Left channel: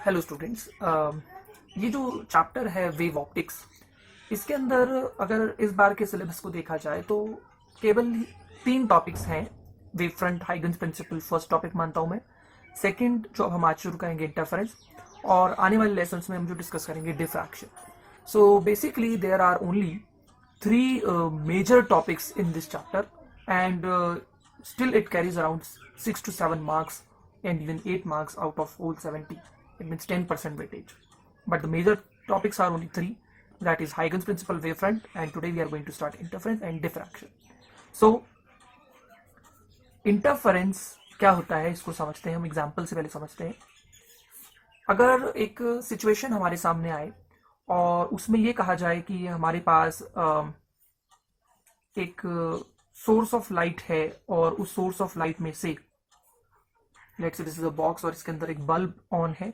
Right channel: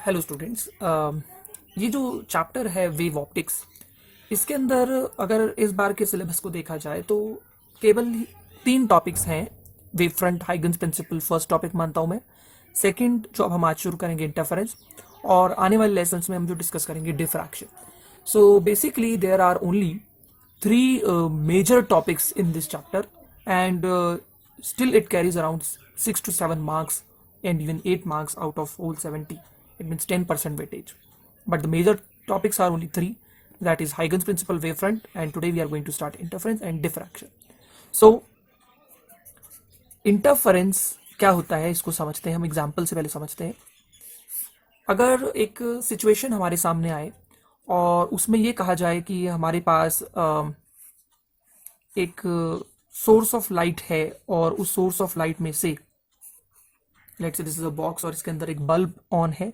Hello students. ये जो chapter है वेव ऑप्टिक्स, इसके अंदर अगर इस बार के सिलेबस को देखा जाए तो केवल 3 टॉपिक्स हैं। Wave front, Huygens principle first topic मानता हूँ मैं। सेकंड जो अब हम आज शुरू करेंगे इंटरफेरेंस, और आने वाले लेसन्स में हम जो डिस्कस करेंगे diffraction. So basically there are only 3 major topics in this chapter, and still it carries around 6 to 7 marks and even 8 marks out of all 70. It means 10% weightage. But the major topics are only 3, that is Huygens principle, wavefront, and today we are going to start interference and diffraction. So interference क्या होता है इसको समझते हैं, हम example से पहले समझते हैं। अगर एक सिचुएशन हमारे सामने आए और उसमें ये कहा जाए कि हमारे पास एक सोर्स ऑफ लाइट है और उस सोर्स ऑफ लाइट में से let's say this is a box और इसके अंदर एक बल्ब ऑन है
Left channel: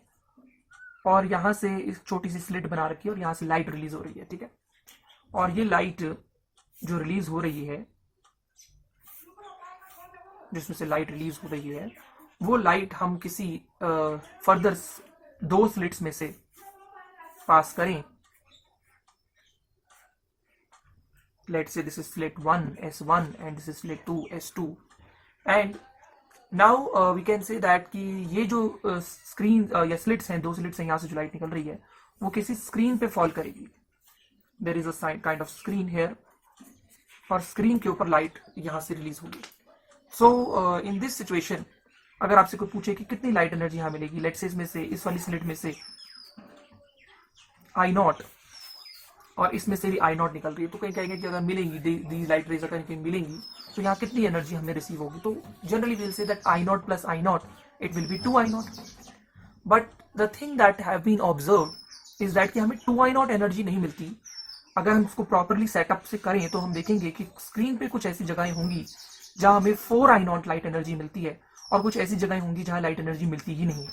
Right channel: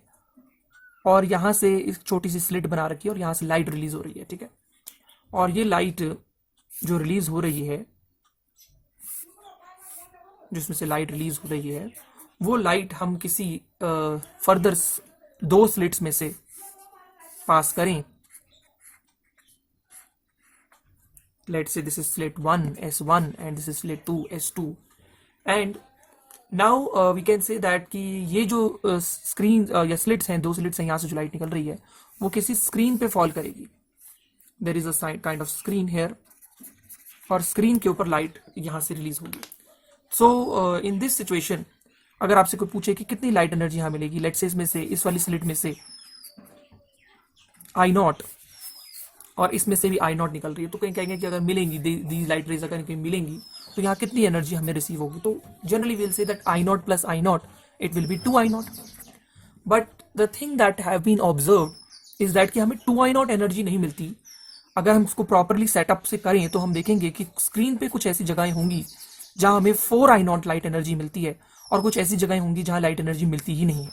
और यहाँ से एक छोटी सी स्लिट बना रखी है और यहाँ से लाइट रिलीज हो रही है, ठीक है। और ये लाइट जो रिलीज हो रही है, जिसमें से लाइट रिलीज हो रही है, वो लाइट हम किसी फर्दर 2 स्लिट्स में से पास करें। Let's say this is slit 1 S1 and this is slit 2 S2, and now we can say that कि ये जो स्क्रीन या स्लिट्स हैं, 2 स्लिट्स हैं, यहाँ से जो लाइट निकल रही है वो किसी स्क्रीन पे फॉल करेगी। There is a kind of screen here और स्क्रीन के ऊपर लाइट यहाँ से रिलीज होगी। सो इन दिस सिचुएशन अगर आपसे कोई पूछे कि कितनी लाइट एनर्जी यहाँ मिलेगी, लेट्स से इसमें से इस वाली स्लिट में से आई नॉट और इसमें से भी आई नॉट निकल रही है, तो कहीं कहेंगे कि अगर मिलेंगी दी लाइट रेज अगर कहीं मिलेंगी तो यहाँ कितनी एनर्जी हमें रिसीव होगी। तो generally will say that I naught plus I naught it will be 2 I naught. But the thing that have been observe is that कि हमें 2 आई नॉट एनर्जी नहीं मिलती। अगर हम इसको प्रॉपरली सेटअप से करें तो हम देखेंगे कि स्क्रीन पे कुछ ऐसी जगहें होंगी जहां हमें 4 आई नॉट लाइट एनर्जी मिलती है और कुछ ऐसी जगहें होंगी जहां लाइट एनर्जी मिलती ही नहीं है,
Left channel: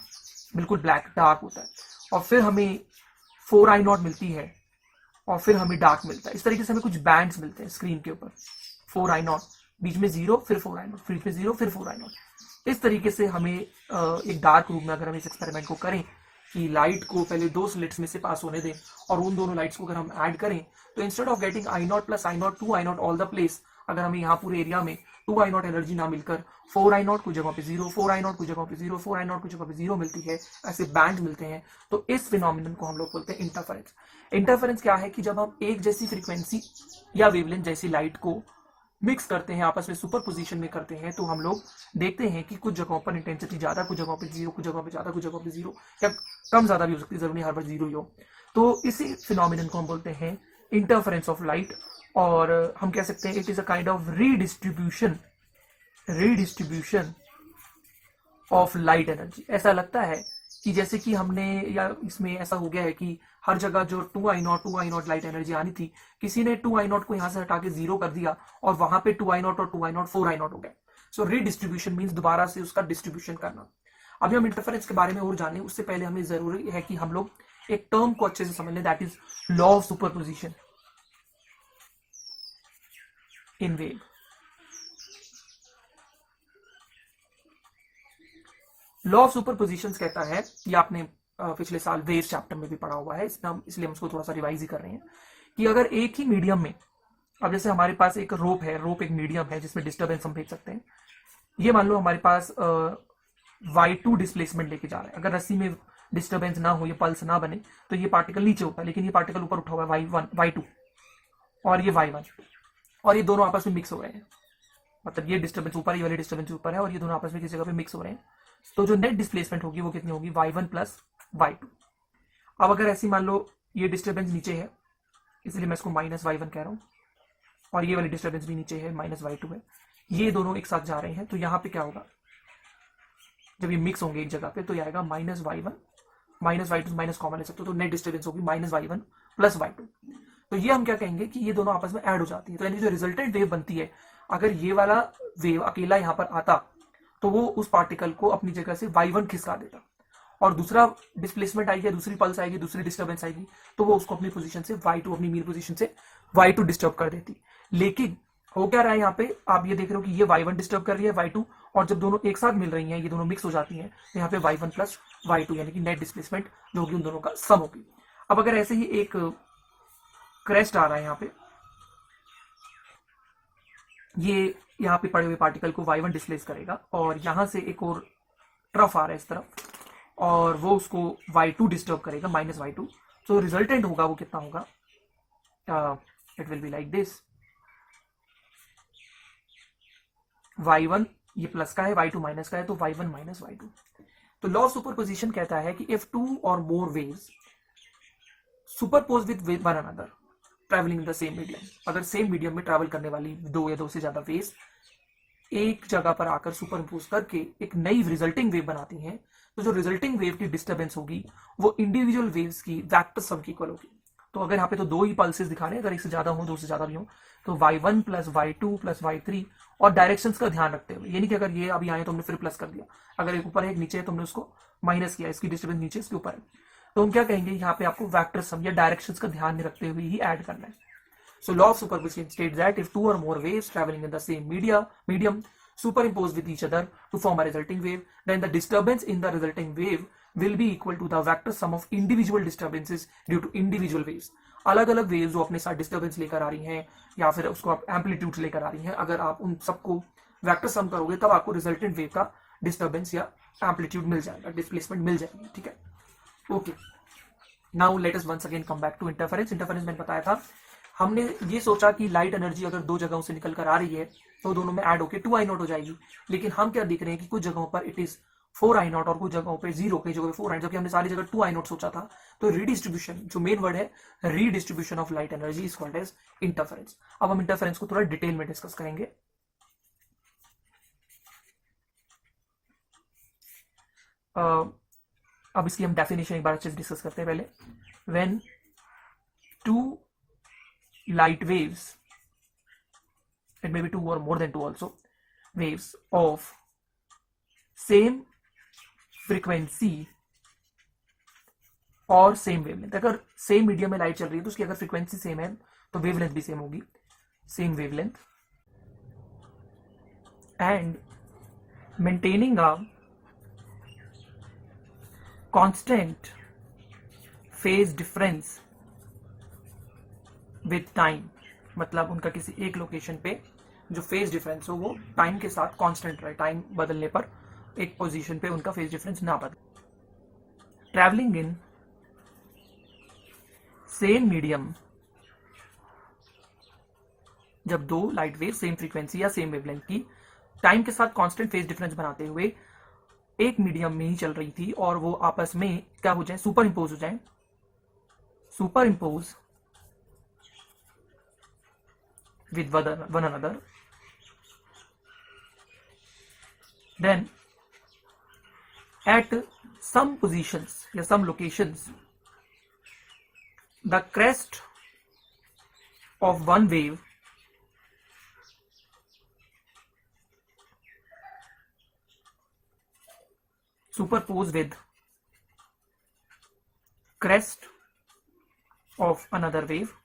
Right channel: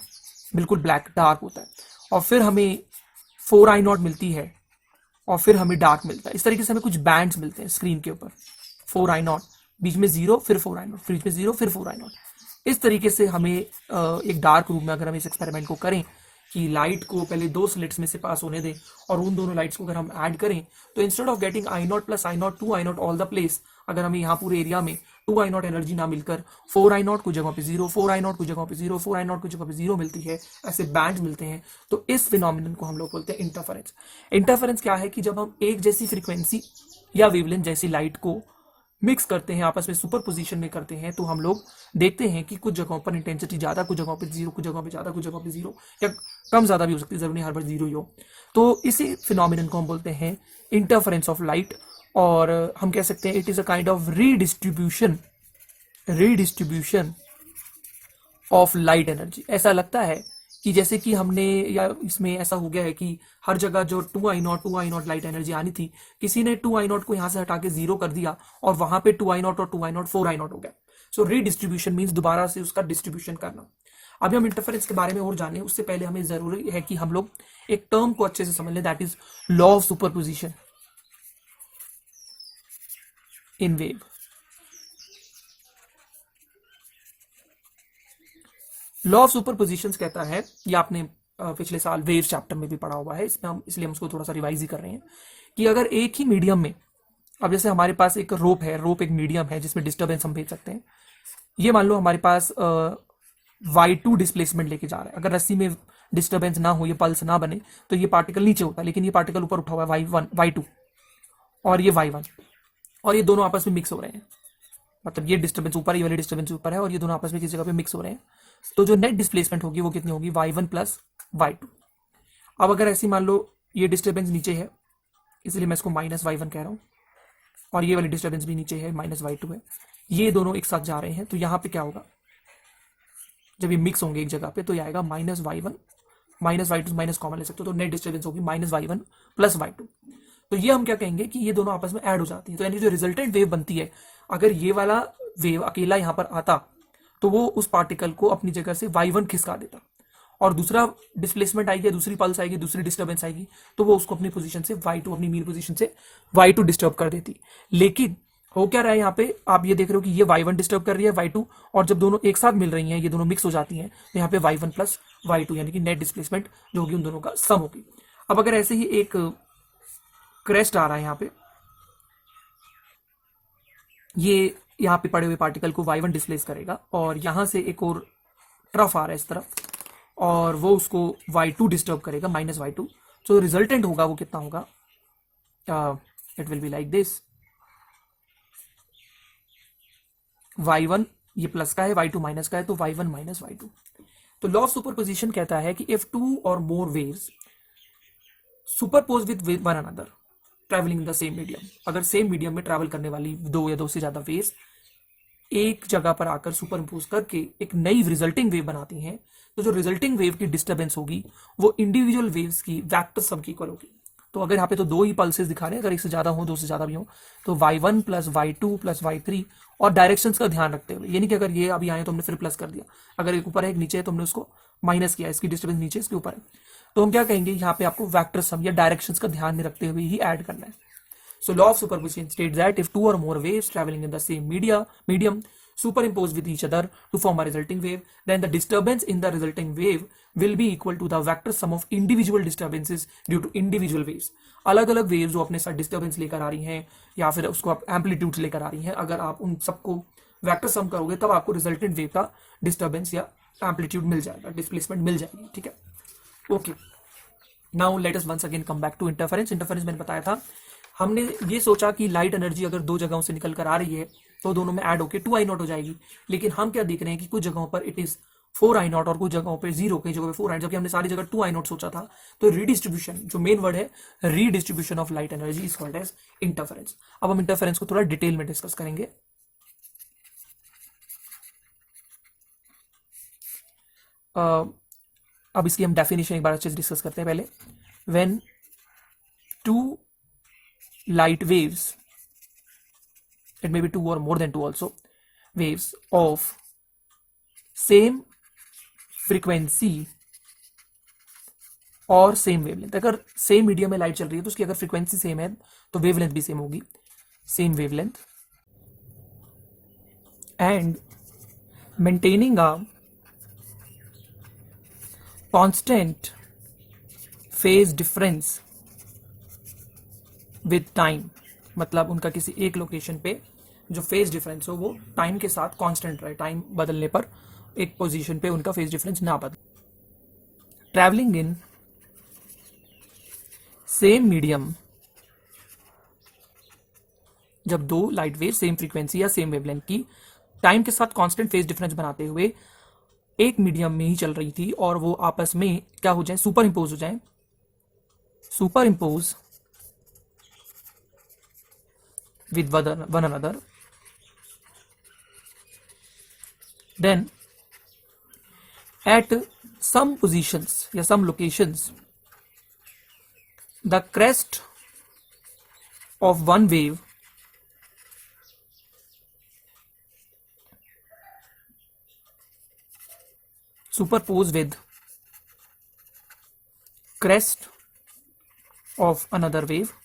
बिल्कुल ब्लैक डार्क होता है। और फिर हमें 4 आई नॉट मिलती है और फिर हमें डार्क मिलता है। इस तरीके से हमें कुछ बैंड्स मिलते हैं स्क्रीन के ऊपर, 4 आई नॉट, बीच में 0, फिर 4 आई नॉट, फिर बीच में 0, फिर 4 आई नॉट। इस तरीके से हमें एक डार्क रूम में अगर हम इस एक्सपेरिमेंट को करें कि लाइट को पहले 2 स्लिट्स में से पास होने दें और उन दोनों लाइट्स को अगर हम ऐड करें तो instead of getting I naught plus I not 2 I not all the place, अगर हमें यहाँ पूरे एरिया में 2 आई नॉट एनर्जी ना मिलकर 4 आई नॉट कुछ जगह पे 0, 4 आई नॉट कुछ जगह पे 0, 4 आई नॉट कुछ जगह पे 0 मिलती है, ऐसे बैंड मिलते हैं, तो इस फिनोमिनन को हम लोग बोलते हैं इंटरफेरेंस। इंटरफेरेंस क्या है कि जब हम एक जैसी फ्रीक्वेंसी या वेवलेंथ जैसी लाइट को मिक्स करते हैं, आपस में सुपर पोजिशन में करते हैं, तो हम लोग देखते हैं कि कुछ जगहों पर इंटेंसिटी ज्यादा, कुछ जगहों पर 0, कुछ जगहों पर ज्यादा, कुछ जगहों पर 0 या कम ज्यादा भी हो सकती है, जरूरी हर बार 0 ही हो। तो इसी फिनोमिनन को हम बोलते हैं इंटरफेरेंस ऑफ लाइट, और हम कह सकते हैं it is a kind of redistribution of light energy. ऐसा लगता है कि जैसे कि हमने, या इसमें ऐसा हो गया है कि हर जगह जो 2 आई नॉट लाइट एनर्जी आनी थी, किसी ने 2 आई नॉट को यहाँ से हटा के 0 कर दिया और वहां पे 2 आई नॉट और 2 आई नॉट 4 आई नॉट हो गया। सो रीडिस्ट्रीब्यूशन मीन्स दोबारा से उसका डिस्ट्रीब्यूशन करना। अभी हम इंटरफेरेंस के बारे में और जाने उससे पहले हमें जरूरी है कि हम लोग एक टर्म को अच्छे से समझ लें, that is law of superposition in wave. Law of superposition कहता है, ये आपने पिछले साल वेव चैप्टर में भी पढ़ा हुआ है, इसमें हम इसलिए हम उसको थोड़ा सा रिवाइज ही कर रहे हैं, कि अगर एक ही मीडियम में, अब जैसे हमारे पास एक रोप है, रोप एक मीडियम है जिसमें डिस्टर्बेंस हम भेज सकते हैं। ये मान लो हमारे पास y2 डिस्प्लेसमेंट लेके जा रहा है, अगर रस्सी में डिस्टर्बेंस ना हो, ये पल्स ना बने, तो ये पार्टिकल नीचे होता है, लेकिन ये पार्टिकल ऊपर उठा हुआ है y1 y2 और ये y1, और ये दोनों आपस में मिक्स हो रहे हैं, मतलब ये डिस्टर्बेंस ऊपर, ये वाले डिस्टर्बेंस ऊपर है और ये दोनों आपस में किसी जगह पे मिक्स हो रहे हैं। तो जो नेट डिस्प्लेसमेंट होगी वो कितनी होगी, y1 प्लस y2। अब अगर ऐसे मान लो ये डिस्टर्बेंस नीचे है, इसलिए मैं इसको माइनस y1 कह रहा हूँ, और ये वाली डिस्टर्बेंस भी नीचे है, माइनस y2 है, ये दोनों एक साथ जा रहे हैं, तो यहाँ पे क्या होगा, जब ये मिक्स होंगे एक जगह पे तो ये आएगा minus y1, minus y2 minus common ले सकते हो, तो नेट डिस्टर्बेंस होगी माइनस y1 प्लस y2। तो ये हम क्या कहेंगे कि ये दोनों आपस में ऐड हो जाती है, तो यानी जो रिजल्टेंट वेव बनती है, अगर ये वाला वेव अकेला यहाँ पर आता तो वो उस पार्टिकल को अपनी जगह से y1 खिसका देता, और दूसरा डिस्प्लेसमेंट आएगी, दूसरी पल्स आएगी, दूसरी डिस्टर्बेंस आएगी, तो वो उसको अपनी पोजीशन से y2, अपनी मीन पोजीशन से y2 डिस्टर्ब कर देती। लेकिन हो क्या रहा है यहाँ पे, आप ये देख रहे हो कि ये y1 डिस्टर्ब कर रही है y2, और जब दोनों एक साथ मिल रही हैं, ये दोनों मिक्स हो जाती हैं, तो यहाँ पे y1 प्लस y2 यानी कि नेट डिस्प्लेसमेंट जो होगी उन दोनों का सम होगी। अब अगर ऐसे ही एक क्रेस्ट आ रहा है यहाँ पे, ये यहाँ पे पड़े हुए पार्टिकल को y1 डिस्प्लेस करेगा, और यहाँ से एक और ट्रफ आ रहा है इस तरफ, और वो उसको y2 डिस्टर्ब करेगा, माइनस y2। तो रिजल्टेंट होगा वो कितना होगा, it will be like this, y1 ये प्लस का है, y2 माइनस का है, तो y1 माइनस y2। तो लॉ ऑफ सुपरपोजिशन कहता है कि इफ टू और more waves superpose with one another travelling in the same medium, अगर सेम मीडियम में ट्रैवल करने वाली दो या दो से ज्यादा वेव्स एक जगह पर आकर सुपरइम्पोज करके एक नई रिजल्टिंग वेव बनाती हैं, तो जो रिजल्टिंग वेव की डिस्टर्बेंस होगी वो इंडिविजुअल वेव्स की वेक्टर सम की इक्वल होगी। तो अगर यहाँ पे तो दो ही पल्सेस दिखा रहे हैं, अगर एक से ज्यादा हो, दो से ज्यादा भी हो, तो y1 plus y2 plus y3, और डायरेक्शंस का ध्यान रखते हुए, ये नहीं कि अगर ये अभी आए तो हमने फिर प्लस कर दिया, अगर एक ऊपर है एक नीचे है तो हमने उसको माइनस किया, इसकी डिस्टर्बेंस नीचे इसके ऊपर है, तो हम क्या कहेंगे, यहाँ पे आपको वेक्टर सम या डायरेक्शंस का ध्यान में रखते हुए ही ऐड करना है। So law of superposition states that if two or more waves traveling in the same medium superimpose with each other to form a resulting wave, then the disturbance in the resulting wave will be equal to the vector sum of individual disturbances due to individual waves। अलग अलग waves जो अपने साथ disturbance लेकर आ रही हैं या फिर उसको आप एम्पलीट्यूड लेकर आ रही हैं, अगर आप उन सबको वेक्टर सम करोगे तब आपको रिजल्टेंट वेव का डिस्टर्बेंस या एम्पलीट्यूड मिल जाएगा, डिस्प्लेसमेंट मिल जाएगी। ठीक है, okay. Now let us once again come back to interference. Interference मैंने बताया था, हमने ये सोचा कि लाइट एनर्जी अगर दो जगहों से निकल कर आ रही है तो दोनों में ऐड होकर 2i0 हो जाएगी, लेकिन हम क्या देख रहे हैं कि कुछ जगहों पर इट इज 4i0 और कुछ जगहों पे 0, कई जगहों पे 4i0, जबकि हमने सारी जगह 2i0 सोचा था। तो रीडिस्ट्रीब्यूशन, जो मेन वर्ड है redistribution of light energy, is called as interference. अब हम इंटरफेरेंस को थोड़ा डिटेल में डिस्कस करेंगे। अब इसकी हम डेफिनेशन एक बार अच्छे से डिस्कस करते हैं। पहले, when two light waves, it may be two or more than two also, waves of same frequency और सेम वेवलेंथ, अगर सेम मीडियम में लाइट चल रही है तो उसकी अगर फ्रीक्वेंसी सेम है तो वेवलेंथ भी सेम होगी, same wavelength, and maintaining a constant phase difference with time, मतलब उनका किसी एक लोकेशन पे जो फेज डिफरेंस हो वो टाइम के साथ कांस्टेंट रहे, टाइम बदलने पर एक पोजीशन पे उनका फेज डिफरेंस ना बदले। ट्रैवलिंग इन सेम मीडियम, जब दो लाइट वेव सेम फ्रीक्वेंसी या सेम वेवलेंथ की टाइम के साथ कांस्टेंट फेज डिफरेंस बनाते हुए एक मीडियम में ही चल रही थी और वो आपस में क्या हो जाए, सुपर इम्पोज हो जाए, super impose with one another, then at some positions या some locations the crest of one wave superpose with crest of another wave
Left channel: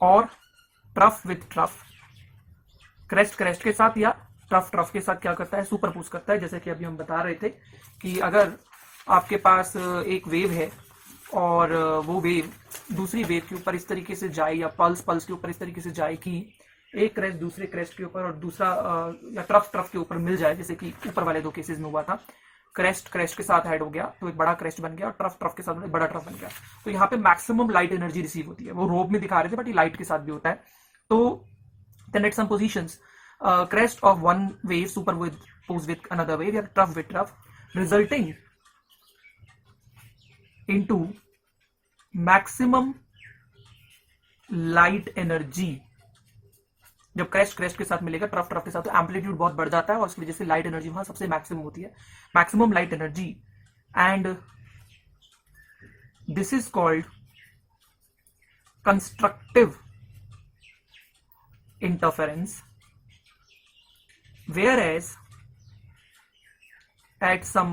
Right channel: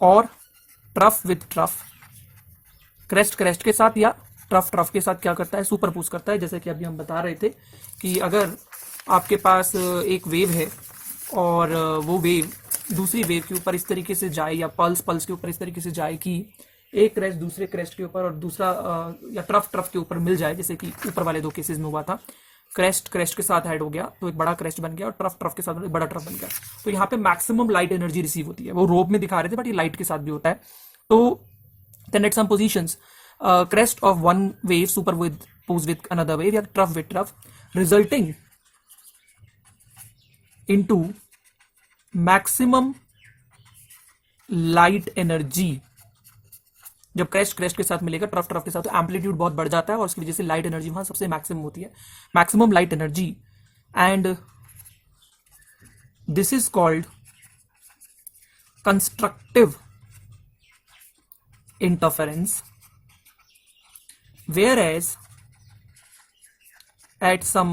और trough with trough, crest crest के साथ या ट्रफ ट्रफ के साथ क्या करता है, सुपरपोज करता है। जैसे कि अभी हम बता रहे थे कि अगर आपके पास एक वेव है और वो वेव दूसरी वेव के ऊपर इस तरीके से जाए या पल्स पल्स के ऊपर इस तरीके से जाए कि एक क्रेस्ट दूसरे क्रेस्ट के ऊपर और दूसरा या ट्रफ ट्रफ के ऊपर मिल जाए, जैसे कि ऊपर वाले दो केसेस में हुआ था, क्रेस्ट क्रेस्ट के साथ ऐड हो गया तो एक बड़ा क्रेस्ट बन गया और ट्रफ ट्रफ के साथ एक बड़ा ट्रफ बन गया, तो यहाँ पे मैक्सिमम लाइट एनर्जी रिसीव होती है। वो रोप में दिखा रहे थे बट ये लाइट के साथ भी होता है। तो then at some positions crest of one wave superpose with another wave या trough with trough resulting into maximum light energy। जब क्रेस्ट क्रेस्ट के साथ मिलेगा ट्रफ ट्रफ के साथ तो एम्पलीट्यूड बहुत बढ़ जाता है और उसकी वजह से लाइट एनर्जी वहां सबसे मैक्सिमम होती है, maximum light energy, and this is called constructive interference. Whereas at some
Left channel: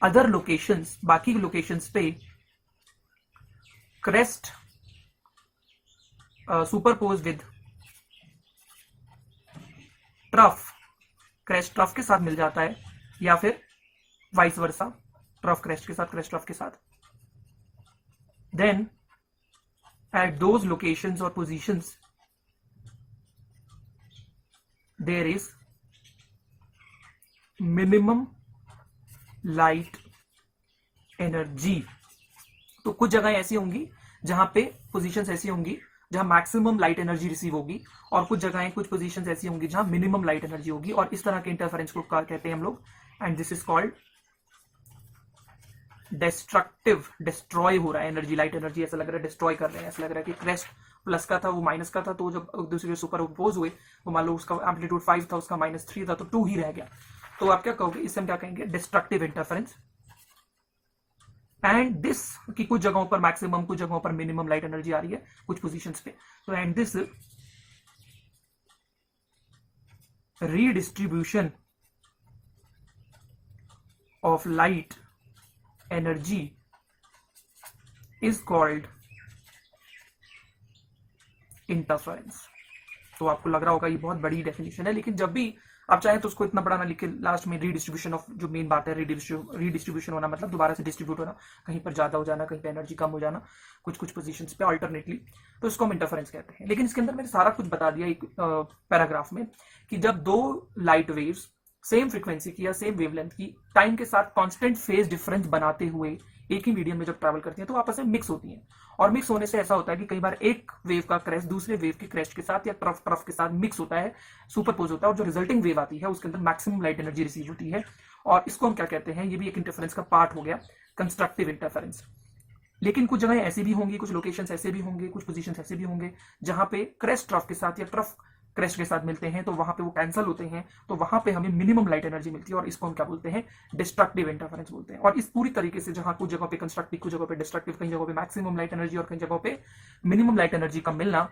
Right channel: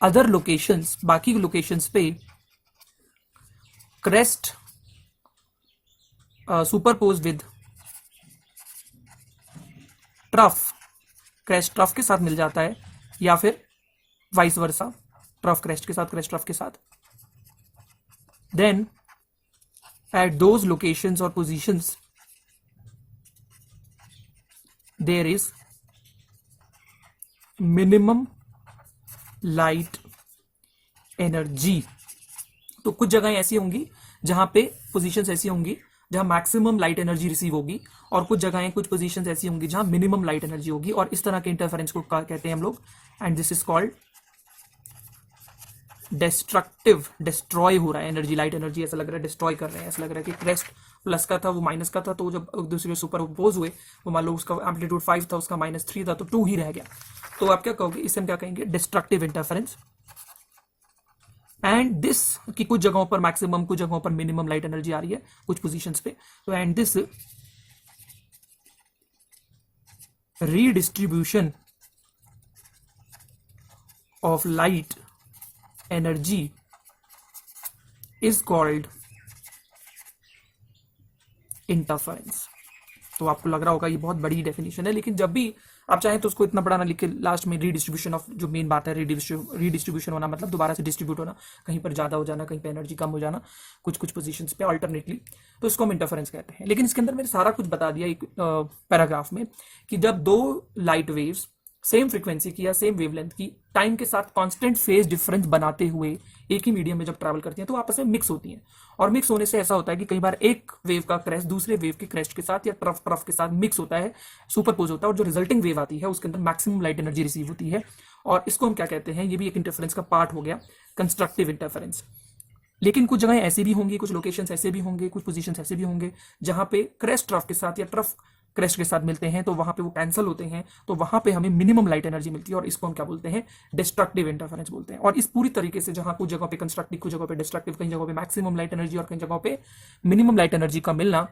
other locations, बाकी लोकेशंस पे crest superpose with trough, crest trough के साथ मिल जाता है, या फिर वाइस वर्सा, ट्रफ क्रेस्ट के साथ, क्रेस्ट ट्रफ के साथ, then at those locations or positions there is minimum light energy। तो कुछ जगह ऐसी होंगी जहां पे पोजीशंस ऐसी होंगी जहां मैक्सिमम लाइट एनर्जी रिसीव होगी, और कुछ जगहें, कुछ पोजीशंस ऐसी होंगी जहां मिनिमम लाइट एनर्जी होगी, और इस तरह के इंटरफेरेंस को कहते हैं हम लोग, and this is called destructive. Destroy हो रहा है एनर्जी, लाइट एनर्जी, ऐसा लग रहा है डिस्ट्रॉय कर रहे हैं, ऐसा लग रहा है कि क्रेस्ट प्लस का था वो माइनस का था, तो जब एक दूसरे में सुपरपोज हुए, वो मान लो उसका एम्पलीट्यूड 5 था, उसका -3 था, तो 2 ही रह गया। तो आप क्या कहोगे, इसे हम क्या कहेंगे, डिस्ट्रक्टिव इंटरफेरेंस। एंड दिस, कि कुछ जगहों पर मैक्सिमम, कुछ जगहों पर मिनिमम लाइट एनर्जी आ रही है कुछ पोजीशंस पे, तो and this redistribution of light energy is called interference. तो आपको लग रहा होगा ये बहुत बड़ी डेफिनेशन है, लेकिन जब भी आप चाहें तो उसको इतना बड़ा ना लिख के लास्ट में रीडिस्ट्रीब्यूशन ऑफ, जो मेन बात है, रीडिस्ट्रीब्यूशन होना मतलब दोबारा से डिस्ट्रीब्यूट होना, कहीं पर ज्यादा हो जाना, कहीं पर एनर्जी कम हो जाना, कुछ कुछ पोजीशंस पे अल्टरनेटली, तो इसको हम इंटरफेरेंस कहते हैं। लेकिन इसके अंदर मैंने सारा कुछ बता दिया एक पैराग्राफ में, कि जब दो लाइट वेव्स सेम फ्रीक्वेंसी की या सेम वेवलेंथ की टाइम के साथ कांस्टेंट फेज डिफरेंस बनाते हुए एक ही मीडियम में जब ट्रैवल करती हैं, तो आपस में मिक्स होती हैं, और मिक्स होने से ऐसा होता है कि कई बार एक वेव का क्रेस्ट दूसरे वेव के क्रेस्ट के साथ या ट्रफ के साथ मिक्स होता है, सुपरपोज होता है, और जो रिजल्टिंग वेव आती है उसके अंदर मैक्सिमम लाइट एनर्जी रिसीव होती है, और इसको हम क्या कहते हैं, ये भी एक इंटरफेरेंस का पार्ट हो गया, कंस्ट्रक्टिव इंटरफेरेंस। लेकिन कुछ जगह ऐसे भी होंगी, कुछ लोकेशंस ऐसे भी होंगे, कुछ पोजीशंस ऐसे भी होंगे जहां पे क्रेस्ट ट्रफ के साथ या ट्रफ क्रेस्ट के साथ मिलते हैं, तो वहां पे वो कैंसिल होते हैं, तो वहां पे हमें मिनिमम लाइट एनर्जी मिलती है, और इसको हम क्या बोलते हैं, डिस्ट्रक्टिव इंटरफेरेंस बोलते हैं। और इस पूरी तरीके से जहां कुछ जगहों पे कंस्ट्रक्टिव, कुछ जगहों पे डिस्ट्रक्टिव, कई जगहों पे मैक्सिमम लाइट एनर्जी और कई जगहों पे मिनिमम लाइट एनर्जी का मिलना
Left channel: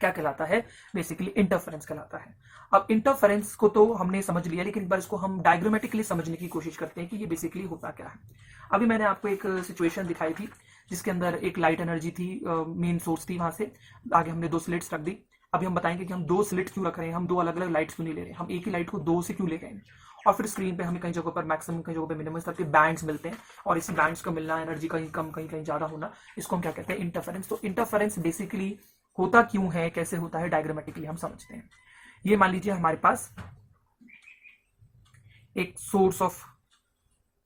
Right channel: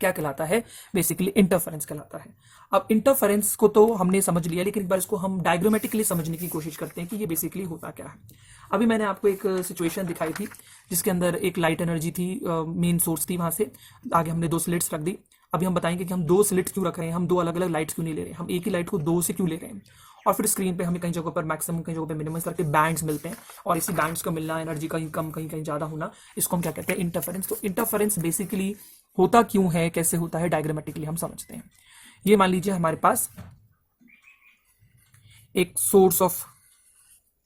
क्या कहलाता है, बेसिकली इंटरफेरेंस कहलाता है। अब इंटरफेरेंस को तो हमने समझ लिया, लेकिन एक बार इसको हम डायग्रामेटिकली समझने की कोशिश करते हैं कि ये बेसिकली होता क्या है। अभी मैंने आपको एक सिचुएशन दिखाई थी जिसके अंदर एक लाइट एनर्जी थी, मेन सोर्स थी, वहां से आगे हमने 2 स्लिट्स रख दी। अभी हम बताएंगे कि हम 2 स्लिट्स क्यों रख रहे हैं, हम 2 अलग अलग लाइट्स क्यों नहीं ले रहे, हम एक ही लाइट को 2 से क्यों ले गए, और फिर स्क्रीन पे हमें कई जगहों पर मैक्सिमम, कई जगहों पे मिनिमम करके बैंड्स मिलते हैं, और इसी बैंड्स का मिलना, एनर्जी कहीं कम कहीं कहीं ज्यादा होना, इसको हम क्या कहते हैं, इंटरफेरेंस। तो इंटरफेरेंस बेसिकली होता क्यों है, कैसे होता है, डायग्रामेटिकली हम समझते हैं। ये मान लीजिए हमारे पास एक सोर्स ऑफ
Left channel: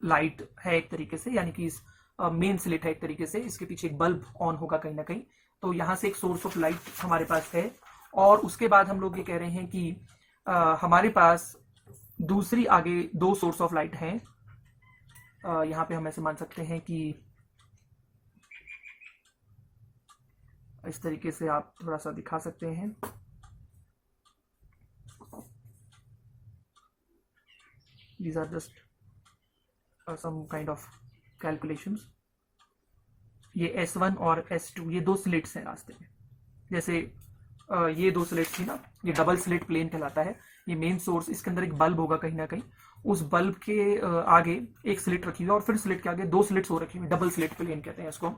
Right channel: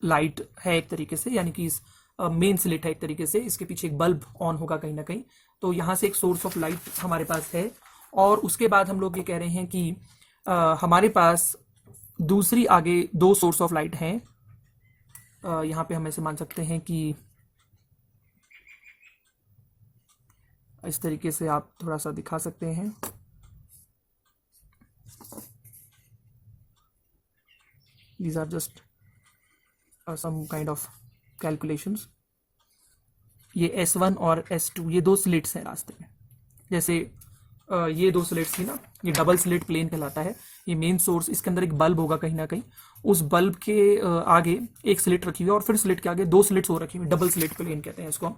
लाइट है एक तरीके से, यानी कि मेन स्लिट है एक तरीके से, इसके पीछे एक बल्ब ऑन होगा कहीं ना कहीं, तो यहां से एक सोर्स ऑफ लाइट हमारे पास है, और उसके बाद हम लोग ये कह रहे हैं कि हमारे पास दूसरी आगे 2 सोर्स ऑफ लाइट हैं। यहां पे हम ऐसे मान सकते हैं कि इस तरीके से आप थोड़ा सा दिखा सकते हैं, these are just some kind of calculations। ये S1 और S2 ये 2 स्लिट्स है रास्ते में, जैसे ये 2 स्लिट्स थी ना, ये डबल स्लिट प्लेन कहलाता है। ये मेन सोर्स, इसके अंदर एक बल्ब होगा कहीं ना कहीं, उस बल्ब के आगे एक स्लिट रखी हुई है, और फिर स्लिट के आगे 2 स्लिट्स और रखी हुई, डबल स्लिट प्लेन कहते हैं इसको,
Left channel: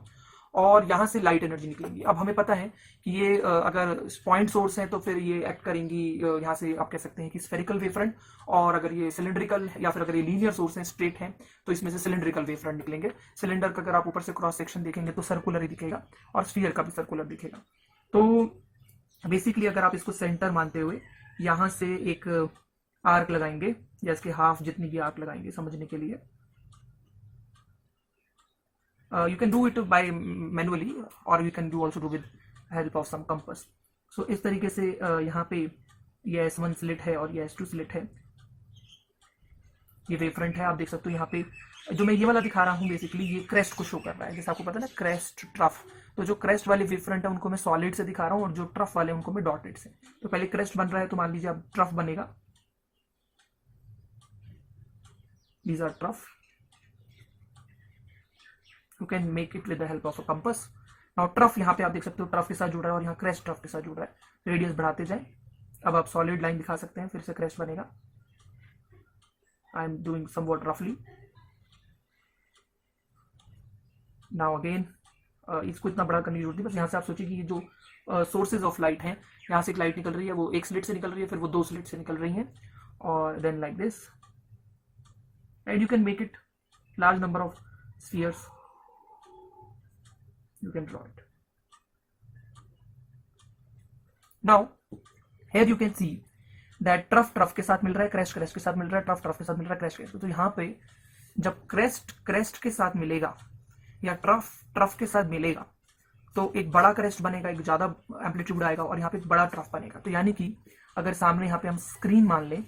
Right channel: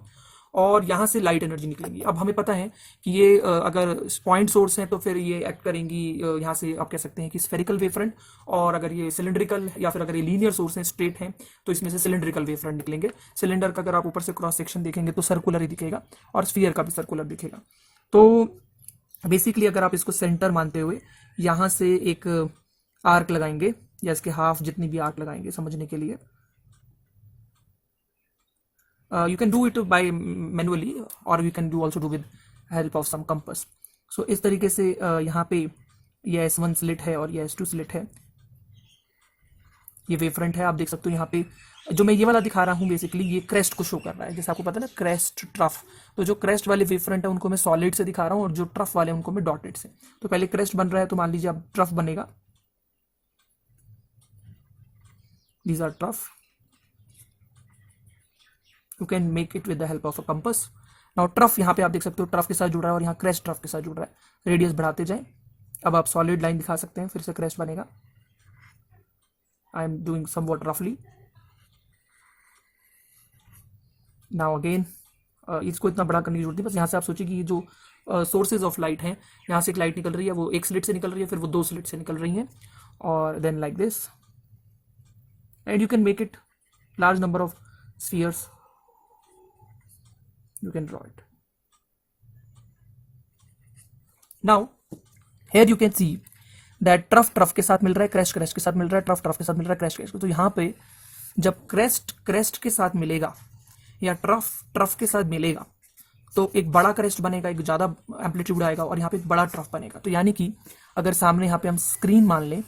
और यहाँ से लाइट एनर्जी निकलेंगी। अब हमें पता है कि ये अगर पॉइंट सोर्स है तो फिर ये एक्ट करेंगी, यहाँ से आप कह सकते हैं कि स्फेरिकल वेव फ्रंट, और अगर ये सिलिंड्रिकल या फिर अगर ये लीनियर सोर्स है, स्ट्रेट है, तो इसमें से सिलिंड्रिकल वेव फ्रंट निकलेंगे। सिलेंडर का अगर आप ऊपर से क्रॉस सेक्शन देखेंगे तो सर्कुलर ही दिखेगा, और स्फीयर का भी सर्कुलर दिखेगा। तो बेसिकली अगर आप इसको सेंटर मानते हुए यहाँ से एक आर्क लगाएंगे, या इसके हाफ जितनी भी आर्क लगाएंगे समझने के लिए, you can do it by manually or you can do also do with help of some compass। so इस तरीके से यहाँ पे ये S1 स्लिट है और ये S2 स्लिट है, ये वेव फ्रंट है। आप देख सकते हो यहाँ पे जो मैं ये वाला दिखा रहा हूँ बेसिकली ये क्रेस्ट को शो कर रहा है, जैसे आपको पता है ना क्रेस्ट ट्रफ, तो जो क्रेस्ट वाले वेव फ्रंट है उनको मैं सॉलिड से दिखा रहा हूँ, और जो ट्रफ वाले उनको मैं डॉटेड से। तो पहले क्रेस्ट बन रहा है, तो मान लीजिए अब ट्रफ बनेगा, these are trough, you can make it with the help of a compass। now trough यहाँ पे आप देख सकते हो ट्रफ के साथ जुड़ रहा है, और यहाँ क्रेस्ट ट्रफ के साथ जुड़ रहा है, रेडियस बढ़ाते जाए। अब आप सॉलिड लाइन दिखा सकते हैं, फिर से क्रेस्ट बनेगा, आई एम डूइंग समवॉट रफली। नाउ अगेन इसको इतना बड़ा करने की जरूरत नहीं, बस यहाँ से आप सोचिए कि ये जो सोर्सेज ऑफ लाइट हैं, यहाँ से एक लाइट निकल रही है, वो एक स्लिट से निकल रही है, फिर वो 2 स्लिट से निकल रही हैं, और then like this, and you can make it large number of spheres, you can draw it. Now here you can see that trough के साथ मिल रहा है, क्रेस्ट के साथ मिल रहा है, ट्रफ के साथ मिल रहा है, क्रेस्ट. तो यहाँ पे जब क्रेस्ट के साथ मिलेगा या ट्रफ के साथ मिलेगा तो एक बड़ा क्रेस्ट बनेगा, एक ज्यादा एम्पलीट्यूड आएगा, और यहाँ पे एक बड़ा ट्रफ बनेगा. तो यानी कि अगर सामने यहाँ पे हम स्क्रीन मान लें,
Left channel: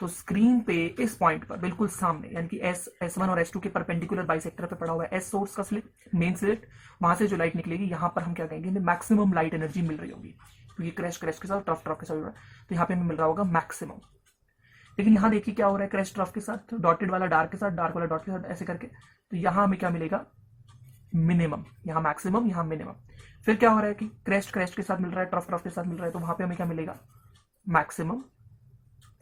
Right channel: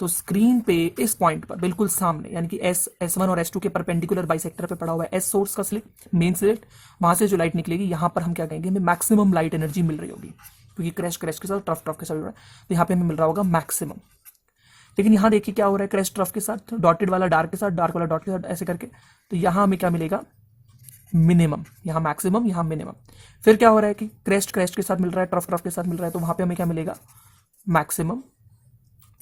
तो स्क्रीन पे इस पॉइंट पर बिल्कुल सामने, यानी कि S1 और S2 के परपेंडिकुलर बाइसेक्टर पे पड़ा हुआ है S सोर्स का स्लिट, मेन स्लिट, वहां से जो लाइट निकलेगी यहाँ पर हम क्या कहेंगे, हमें मैक्सिमम लाइट एनर्जी मिल रही होगी, क्योंकि क्रेस्ट के साथ, ट्रफ के साथ जुड़ा है, तो यहाँ पे हमें मिल रहा होगा मैक्सिमम. लेकिन यहाँ देखिए क्या हो रहा है, क्रेस्ट ट्रफ के साथ, डॉटेड वाला डार्क के साथ, डार्क वाला डॉट के साथ, ऐसे करके, तो यहाँ हमें क्या मिलेगा, मिनिमम. यहाँ मैक्सिमम, यहाँ मिनिमम. फिर क्या हो रहा है कि क्रेस्ट के साथ मिल रहा है, ट्रफ के साथ मिल रहा है, तो वहां पे हमें क्या मिलेगा, मैक्सिमम.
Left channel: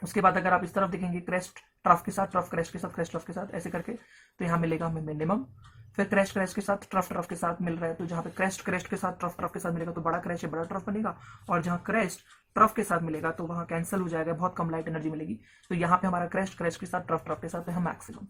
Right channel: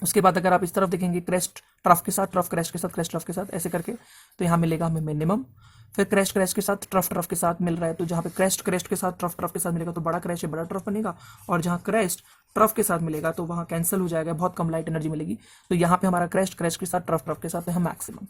उसके बाद अगर आप इस तरफ देखेंगे, क्रेस्ट ट्रफ के साथ, ट्रफ क्रेस्ट के साथ, क्रेस्ट ट्रफ के साथ, ऐसे करके, तो यहाँ मिलेगा हमें मिनिमम. फिर क्रेस्ट के साथ, ट्रफ के साथ मिल रहा है, तो जहाँ पे क्रेस्ट के साथ, ट्रफ के साथ मिलेगा तो बड़ा क्रेस्ट, बड़ा ट्रफ बनेगा, और जहाँ क्रेस्ट ट्रफ के साथ मिलेगा तो वहाँ कैंसिल हो जाएगा, बहुत कम लाइट एनर्जी मिलेगी. तो यहाँ पे हमारा क्रेस्ट के साथ, ट्रफ के साथ है मैक्सिमम.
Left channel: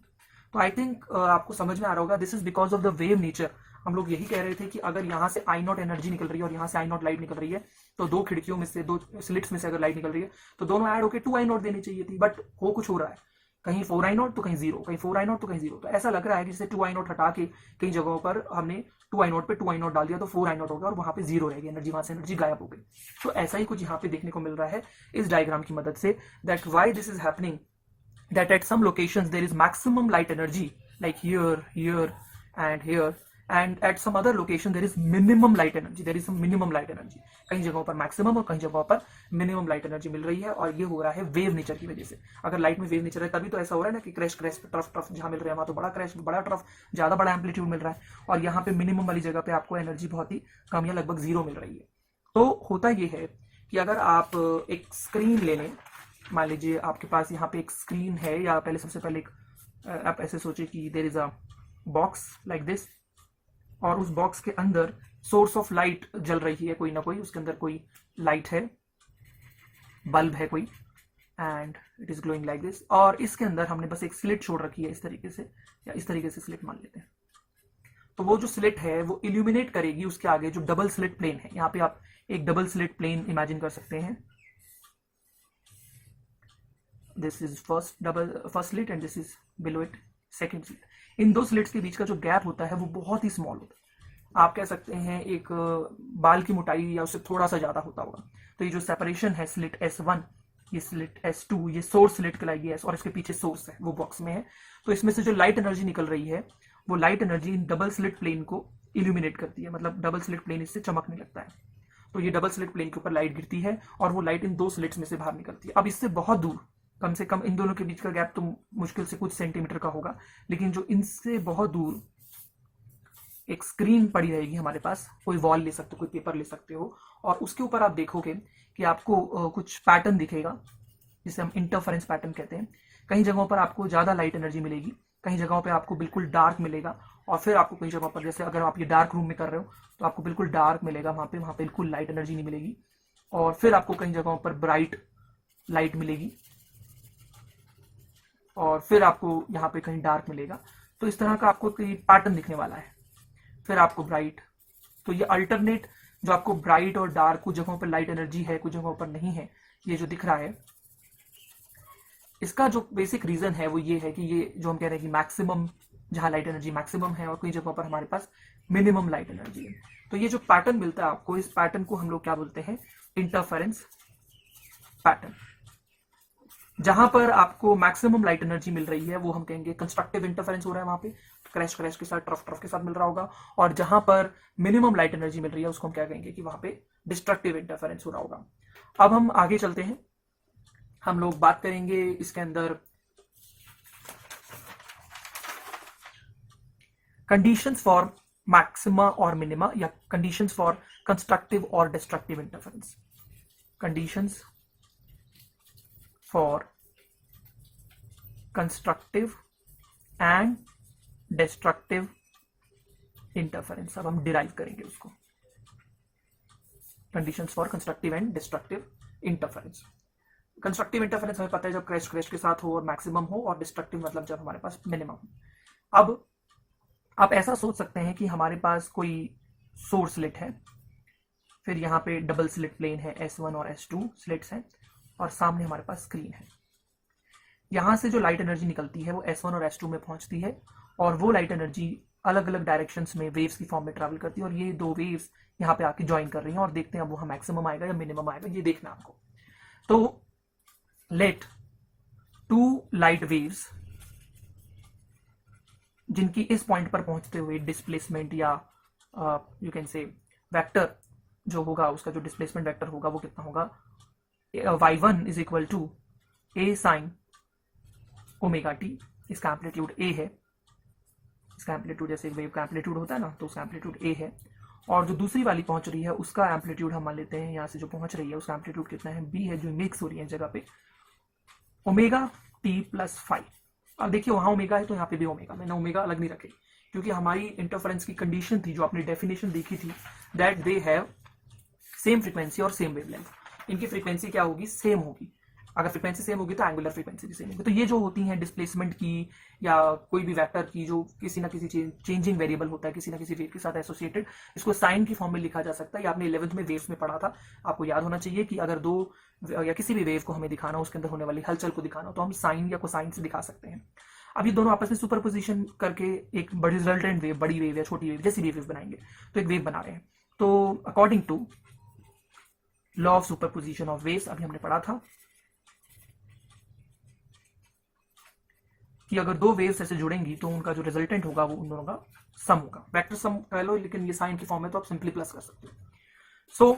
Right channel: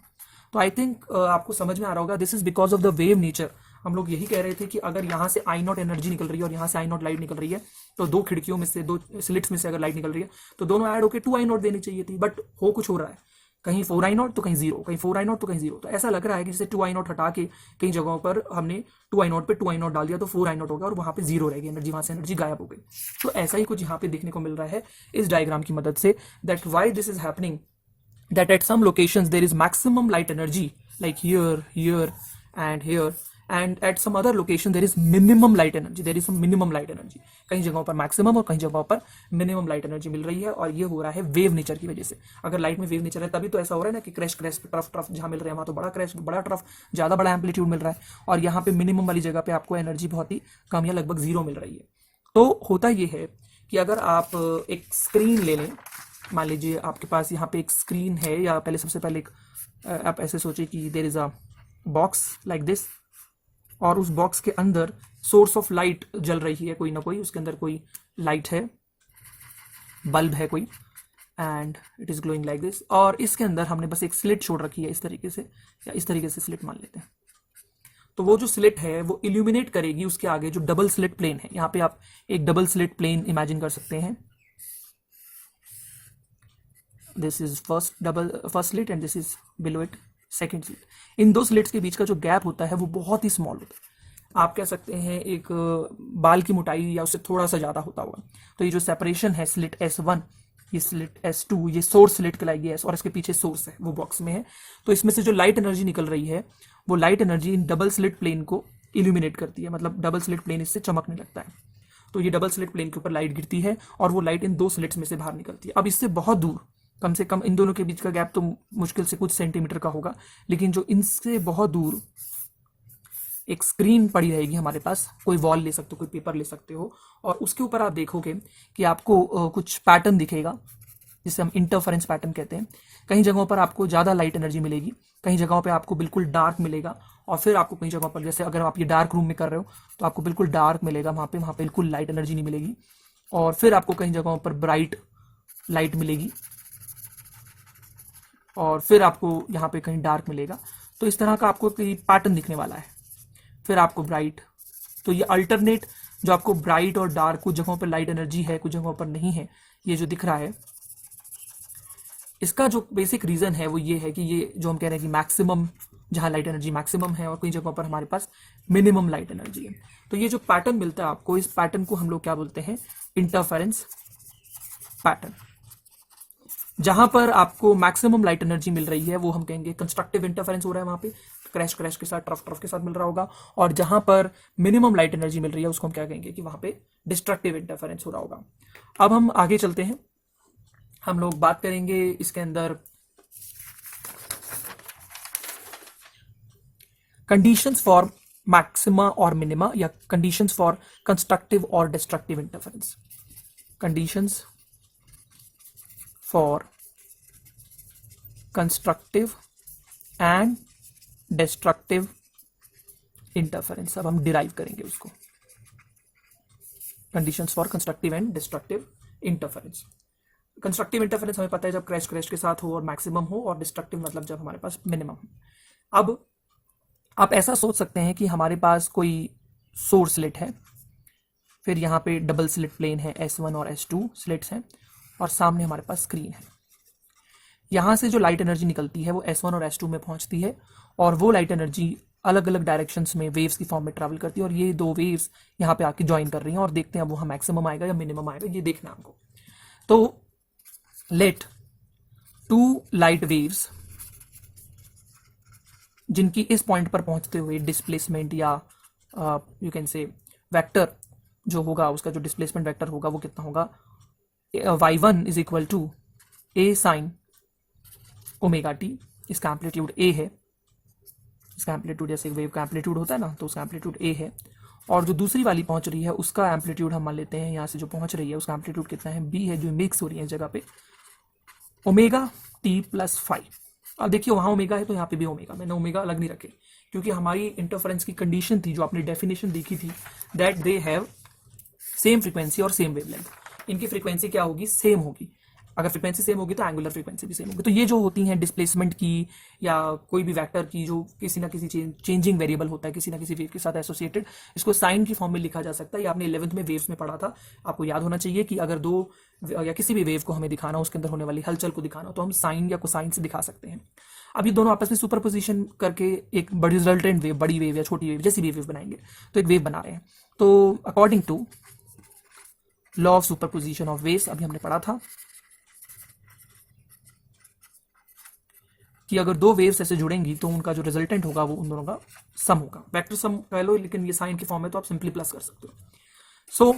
तो आई थिंक आपको समझ में आ रहा होगा, this is because of the wave nature. हम लोग यही कह रहे थे कि अगर यहाँ से आई नॉट एनर्जी निकल रही है और यहाँ से आई नॉट लाइट निकल रही है, तो 2 खिड़कियों में से, 2 स्लिट्स में से अगर लाइट निकल रही है, तो दोनों ऐड होकर 2 आई नॉट देनी चाहिए थी, बट हो कुछ हो रहा है, कहीं 4 आई नॉट तो कहीं 0, कहीं 4 आई नॉट तो कहीं 0. तो ऐसा लग रहा है कि जैसे 2 आई नॉट हटा के कई जगहों पर हमने 2 आई नॉट पे 2 आई नॉट डाल दिया, तो 4 आई नॉट होगा और वहां पे 0 रहेगी एनर्जी, वहां से एनर्जी गायब हो गई. तो ऐसा ही कुछ यहाँ पे देखने को मिल रहा है इस डायग्राम की मदद से, that why this is happening, that at some locations there is maximum light energy, like here and here, and at some other location there is minimum light energy, there is some minimum light energy. कई जगहों पर maximum और कई जगहों पर minimum light energy मिल रही है, और ये हो रहा है वेव नेचर की वजह से. अगर लाइट में वेव नेचर है तभी तो ऐसा हो रहा है ना कि क्रेस्ट ट्रफ जहां मिल रहे हैं वहां तो बड़ा क्रेस्ट, बड़ा ट्रफ, ज्यादा बड़ा एम्पलीट्यूड मिल रहा है, और यहाँ पे मिनिमम वाली जगह पे आपको एनर्जी बहुत ही कम या लगभग 0 मिल रही है. तो होता ये है कि अगर आप एक स्क्रीन ले लें, मान लीजिए आपके पास यहाँ पे एक स्क्रीन है, या पहले सबसे पहले आप ऐसे सोचे कि there is a box like this, और उस बॉक्स के अंदर सोर्स ऑफ लाइट जल रही है, कोई ना कोई, उसके अंदर कोई लाइट है, बल्ब है कोई, and it is glowing like this, और इसके अंदर हमने बस एक स्लिट छोड़ रखी है इस तरीके से, या इस तरीके से स्लिट मान लेते हैं. तो वो जो स्लिट है वो इल्यूमिनेट करेगी उसके आगे जो डबल स्लिट प्लेन है. यहाँ पे आप एक डबल स्लिट प्लेन इमेजिन कर सकते हैं. This is first slit and this is below it second slit. In 2 slits के बीच का जो गैप होता है वो बहुत ही स्मॉल होता है. आप कह सकते हैं एक बाल की मोटाई या उससे थोड़ा सा ज्यादा होता होगा. तो ये जो सेपरेशन है, स्लिट S1, ये स्लिट S2, ये सोर्स स्लिट कहलाएगी S, और इसके पीछे सोर्स है वो बॉक्स में है. तो इसमें से जो लाइट एनर्जी निकल रही है वो light energy in double slit plane को इल्यूमिनेट करती है, मतलब डबल स्लिट प्लेन इससे चमकने लगता है. तो ये डबल स्लिट प्लेन के ऊपर लाइट गिरती है और वो लाइट इन 2 स्लिट्स में से बाहर निकलती है. अब इससे बहुत दूर, कम से कम इन दोनों के बीच का गैप तो मुश्किल से कुछ सेंटीमीटर का होगा, लेकिन जो इनसे बहुत दूर एक स्क्रीन पड़ी रहेगी हमारे पास, कोई वॉल ले सकते हो, कोई पेपर ले सकते हो, और उसके ऊपर आप देखोगे कि आपको कुछ पैटर्न दिखेगा जिसे हम इंटरफेरेंस पैटर्न कहते हैं. कई जगहों पर आपको ज़्यादा लाइट एनर्जी मिलेगी, कई जगहों पर आपको बिल्कुल डार्क मिलेगा, और फिर आपको कई जगहों पर, जैसे अगर आप ये डार्क रूम में कर रहे हो तो आपको बिल्कुल डार्क मिलेगा, वहाँ पे बिल्कुल लाइट एनर्जी नहीं मिलेगी, और फिर आपको कई जगहों पर ब्राइट लाइट मिलेगी, और फिर आपको यहाँ पे कहीं डार्क मिलेगा. तो इस तरह का आपको कोई पैटर्न दिखने वाला है. फिर आपको ब्राइट, तो ये अल्टरनेट जो आपको ब्राइट और डार्क, कुछ जगहों पर लाइट एनर्जी है, कुछ जगहों पर नहीं है, ये जो दिख रहा है, इसका जो बेसिक रीजन है वो ये है कि ये जो हम कह रहे हैं कि मैक्सिमम, जहाँ लाइट एनर्जी मैक्सिमम है और कई जगहों पर हमारे पास मिनिमम लाइट एनर्जी है. तो ये जो पैटर्न मिलता है आपको, इस पैटर्न को हम लोग क्या बोलते हैं, इंटरफेरेंस पैटर्न. जहां पर आपको मैक्सिमम लाइट एनर्जी मिल रही है वो हम कहेंगे कंस्ट्रक्टिव इंटरफेरेंस हो रहा है, वहां पे क्रेस्ट के साथ, ट्रफ के साथ मिल रहा होगा. और जहां पर मिनिमम लाइट एनर्जी मिल रही है उसको हम क्या कहेंगे कि वहां पे डिस्ट्रक्टिव इंटरफेरेंस हो रहा होगा. अब हम आगे चलते हैं, हम लोग बात करेंगे इसके अंदर कंडीशंस फॉर मैक्सिमा और मिनिमा, या कंडीशंस फॉर कंस्ट्रक्टिव और destructive interference. Conditions for constructive and destructive interference. अब हम डिराइव करेंगे उसको. Conditions for constructive and destructive interference. Constructive interference हमें पता है जब क्रैश क्रैश के साथ हो और मैक्सिमम हो, और डिस्ट्रक्टिव मतलब जब हमारे पास मिनिमम हो। अब आप ऐसा सोच सकते हैं कि हमारे पास कोई सोर्स स्लिट है, फिर यहाँ पे डबल स्लिट प्लेन है, S1 और S2 स्लिट्स हैं, और सामने हमारे पास स्क्रीन है। यहाँ से जो लाइट एनर्जी निकलती है वो S1 और S2 में पहुँचती है, और वो लाइट एनर्जी अलग अलग डायरेक्शंस में वेव्स की फॉर्म में ट्रैवल करती है, और ये दो वेव्स यहाँ पे आके ज्वाइन कर रही हैं, और देखते हैं अब वहाँ मैक्सिमम आएगा या मिनिमम आएगा, ये देखना हमको। तो लेट टू लाइट वेव्स जिनकी इस पॉइंट पर पहुंचते हुए डिस्प्लेसमेंट या यू कैन से वेक्टर जो होगा, उसका जो डिस्प्लेसमेंट वेक्टर होगा वो कितना होगा, y1 is equal to a sine omega t. इसका एम्पलीट्यूड a है, इसका एम्पलीट्यूड जैसे वेव का एम्पलीट्यूड होता है ना, तो उसका एम्पलीट्यूड a है। और जो दूसरी वाली पहुंच रही है उसका एम्पलीट्यूड हम मान लेते हैं, यहाँ से जो पहुंच रही है उसका एम्पलीट्यूड कितना है, b है, जो मिक्स हो रही है इस जगह पे, ओमेगा टी प्लस 5। अब देखिए वहाँ ओमेगा है तो यहाँ पे भी ओमेगा, मैंने ओमेगा अलग नहीं रखी क्योंकि हमारी इंटरफेरेंस की कंडीशन थी जो आपने डेफिनेशन देखी थी, that they have same frequency और सेम वेवलेंथ। इनकी फ्रीक्वेंसी क्या होगी, सेम होगी। अगर फ्रीक्वेंसी सेम होगी तो एंगुलर फ्रीक्वेंसी भी सेम होगी। तो ये जो होती हैं डिस्प्लेसमेंट की या कोई भी वेक्टर की जो किसी ना किसी चेंजिंग वेरिएबल होता है किसी ना किसी वेव के साथ एसोसिएटेड, इसको साइन की फॉर्म में लिखा जा सकता है। ये आपने 11th में वेव्स में पढ़ा था, आपको याद होना चाहिए कि अगर दो या किसी भी वेव को हमें दिखाना हो, उसके अंदर होने वाली हलचल को दिखाना हो, तो हम साइन या कोसाइन से दिखा सकते हैं। अब ये दोनों आपस में सुपरपोजिशन करके एक बड़ी रिजल्टेंट वेव, बड़ी वेव या छोटी वेव, जैसी भी वेव बनाएंगे, तो एक वेव बना रहे हैं। तो according to law of superposition of waves, अभी हमने पढ़ा था कि अगर दो वेव्स ऐसे जुड़ेंगी तो उनका जो रिजल्टेंट होगा वो उन दोनों का सम होगा। वेक्टर सम कह लो, लेकिन ये साइन के फॉर्म में तो आप सिंपली प्लस कर सकते हो। सो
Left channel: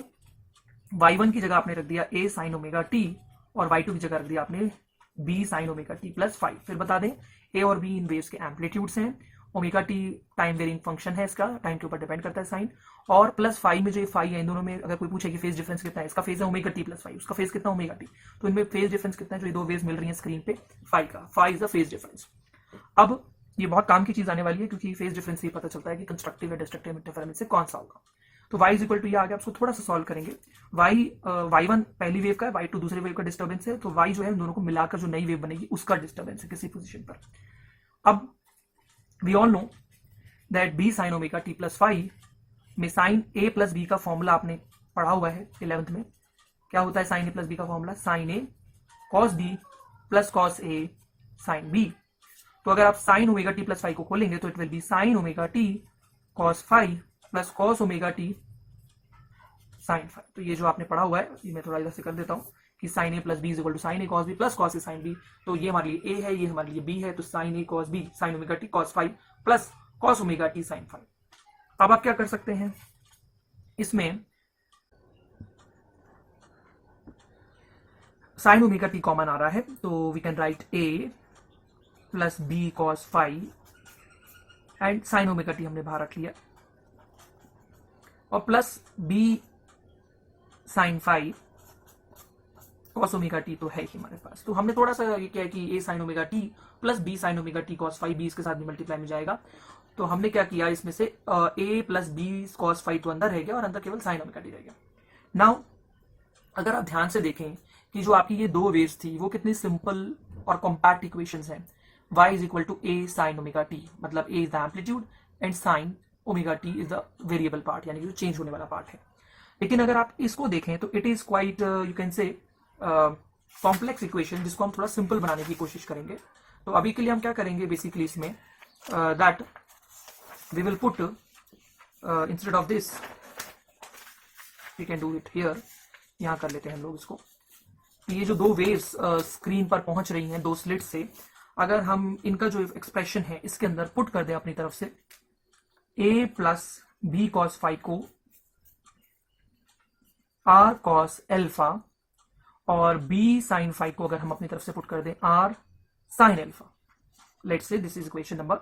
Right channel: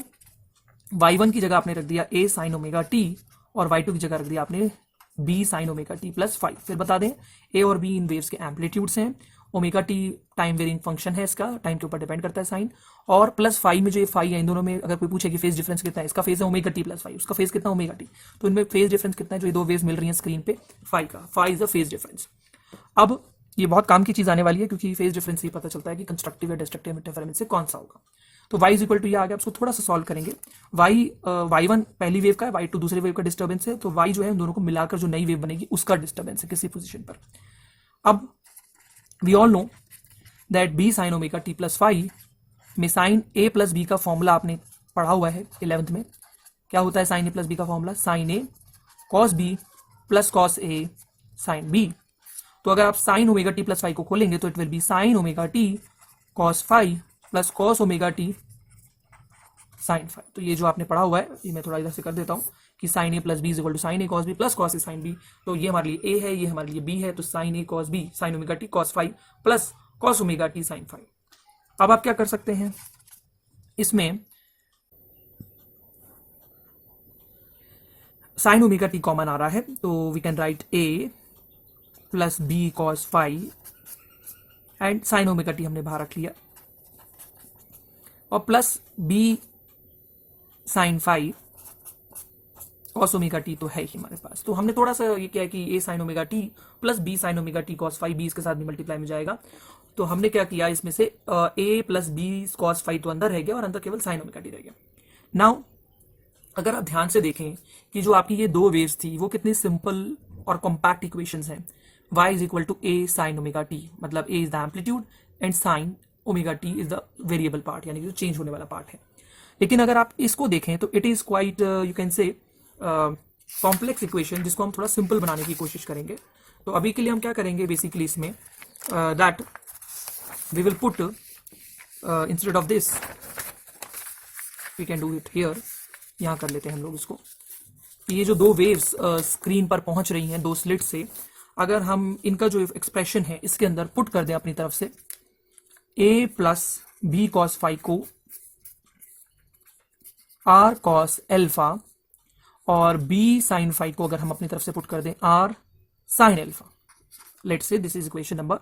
y1 की जगह आपने रख दिया a साइन ओमेगा टी, और y2 की जगह रख दिया आपने b sine omega T plus 5। फिर बता दें a और b इन वेव्स के एम्पलीट्यूड्स हैं, omega t time varying function है, इसका टाइम के ऊपर डिपेंड करता है साइन, और प्लस 5 में जो ये 5 है इन दोनों में अगर कोई पूछे कि फेज डिफरेंस कितना है, इसका फेज है ओमेगा टी प्लस 5, उसका फेज कितना ओमेगा टी, तो इनमें फेज डिफरेंस कितना है, जो ये दो वेव्स मिल रही हैं स्क्रीन पे 5 का, 5 इज द फेज डिफरेंस। अब ये बहुत काम की चीज आने वाली है क्योंकि फेज डिफरेंस से पता चलता है कि कंस्ट्रक्टिव या डिस्ट्रक्टिव इंटरफेरेंस से कौन सा होगा। तो y इज इक्वल टू ये आ गया, उसको थोड़ा सा सॉल्व करेंगे। y1 पहली वेव का है, y2 दूसरी वेव का डिस्टर्बेंस है, तो y जो है दोनों को मिलाकर जो नई वेव बनेगी उसका डिस्टर्बेंस है किसी पोजीशन पर। अब we all know that b sine omega T plus 5 में साइन a प्लस b का फॉर्मूला आपने पढ़ा हुआ है 11th में। क्या होता है साइन a प्लस b का formula, sine a cos b plus cos a sine b। तो अगर आप साइन ओमेगा टी प्लस 5 को खोलेंगे तो it will be sine omega T cos 5 plus cos omega T sine 5। तो ये जो आपने पढ़ा हुआ है, ये मैं थोड़ा इधर से कर देता हूँ कि sine a plus b is equal to sine A cos b plus cos a sine b. तो ये हमारे लिए ए है, ये हमारे लिए बी है, तो साइन ए cos B sine omega T cos 5 plus cos omega T sine 5। अब आप क्या कर सकते हैं, इसमें साइन ओमेगा टी कॉमन आ रहा है, तो we can write A plus B cos 5 and sine omega T हमने बाहर रख लिया, और plus B sine 5 cos omega T तो है ही हमारे पास। तो हमने थोड़ा सा ये किया कि A sine omega T plus B sine omega T cos 5, B इसके साथ भी मल्टीप्लाई में जाएगा, तो हमने क्या किया इसमें से ए प्लस बी कॉस 5 तो अंदर रह गया और अंदर केवल साइन ओमेगा टी रह गया। नाउ अगर आप ध्यान से देखें कि जो आपकी ये दो वेव्स थी वो कितनी सिंपल और कॉम्पैक्ट इक्वेशंस हैं। y is equal to a sine omega t, मतलब a is the amplitude and sine omega t is the variable part, यानी जो चेंज होने वाला पार्ट है। लेकिन अगर आप इसको देखें तो it is quite you can say complex equation, जिसको हम थोड़ा सिंपल बनाने की कोशिश करेंगे। तो अभी के लिए हम क्या करेंगे बेसिकली इसमें, that we will put instead of this we can do it here, यहाँ कर लेते हैं हम लोग इसको। ये जो दो वेव्स स्क्रीन पर पहुंच रही हैं दो स्लिट से, अगर हम इनका जो एक्सप्रेशन है इसके अंदर पुट कर दें अपनी तरफ से, a प्लस बी कॉस 5 को r कॉस एल्फा और b साइन 5 को अगर हम अपनी तरफ से पुट कर दें r sine alpha. Let's say this is equation number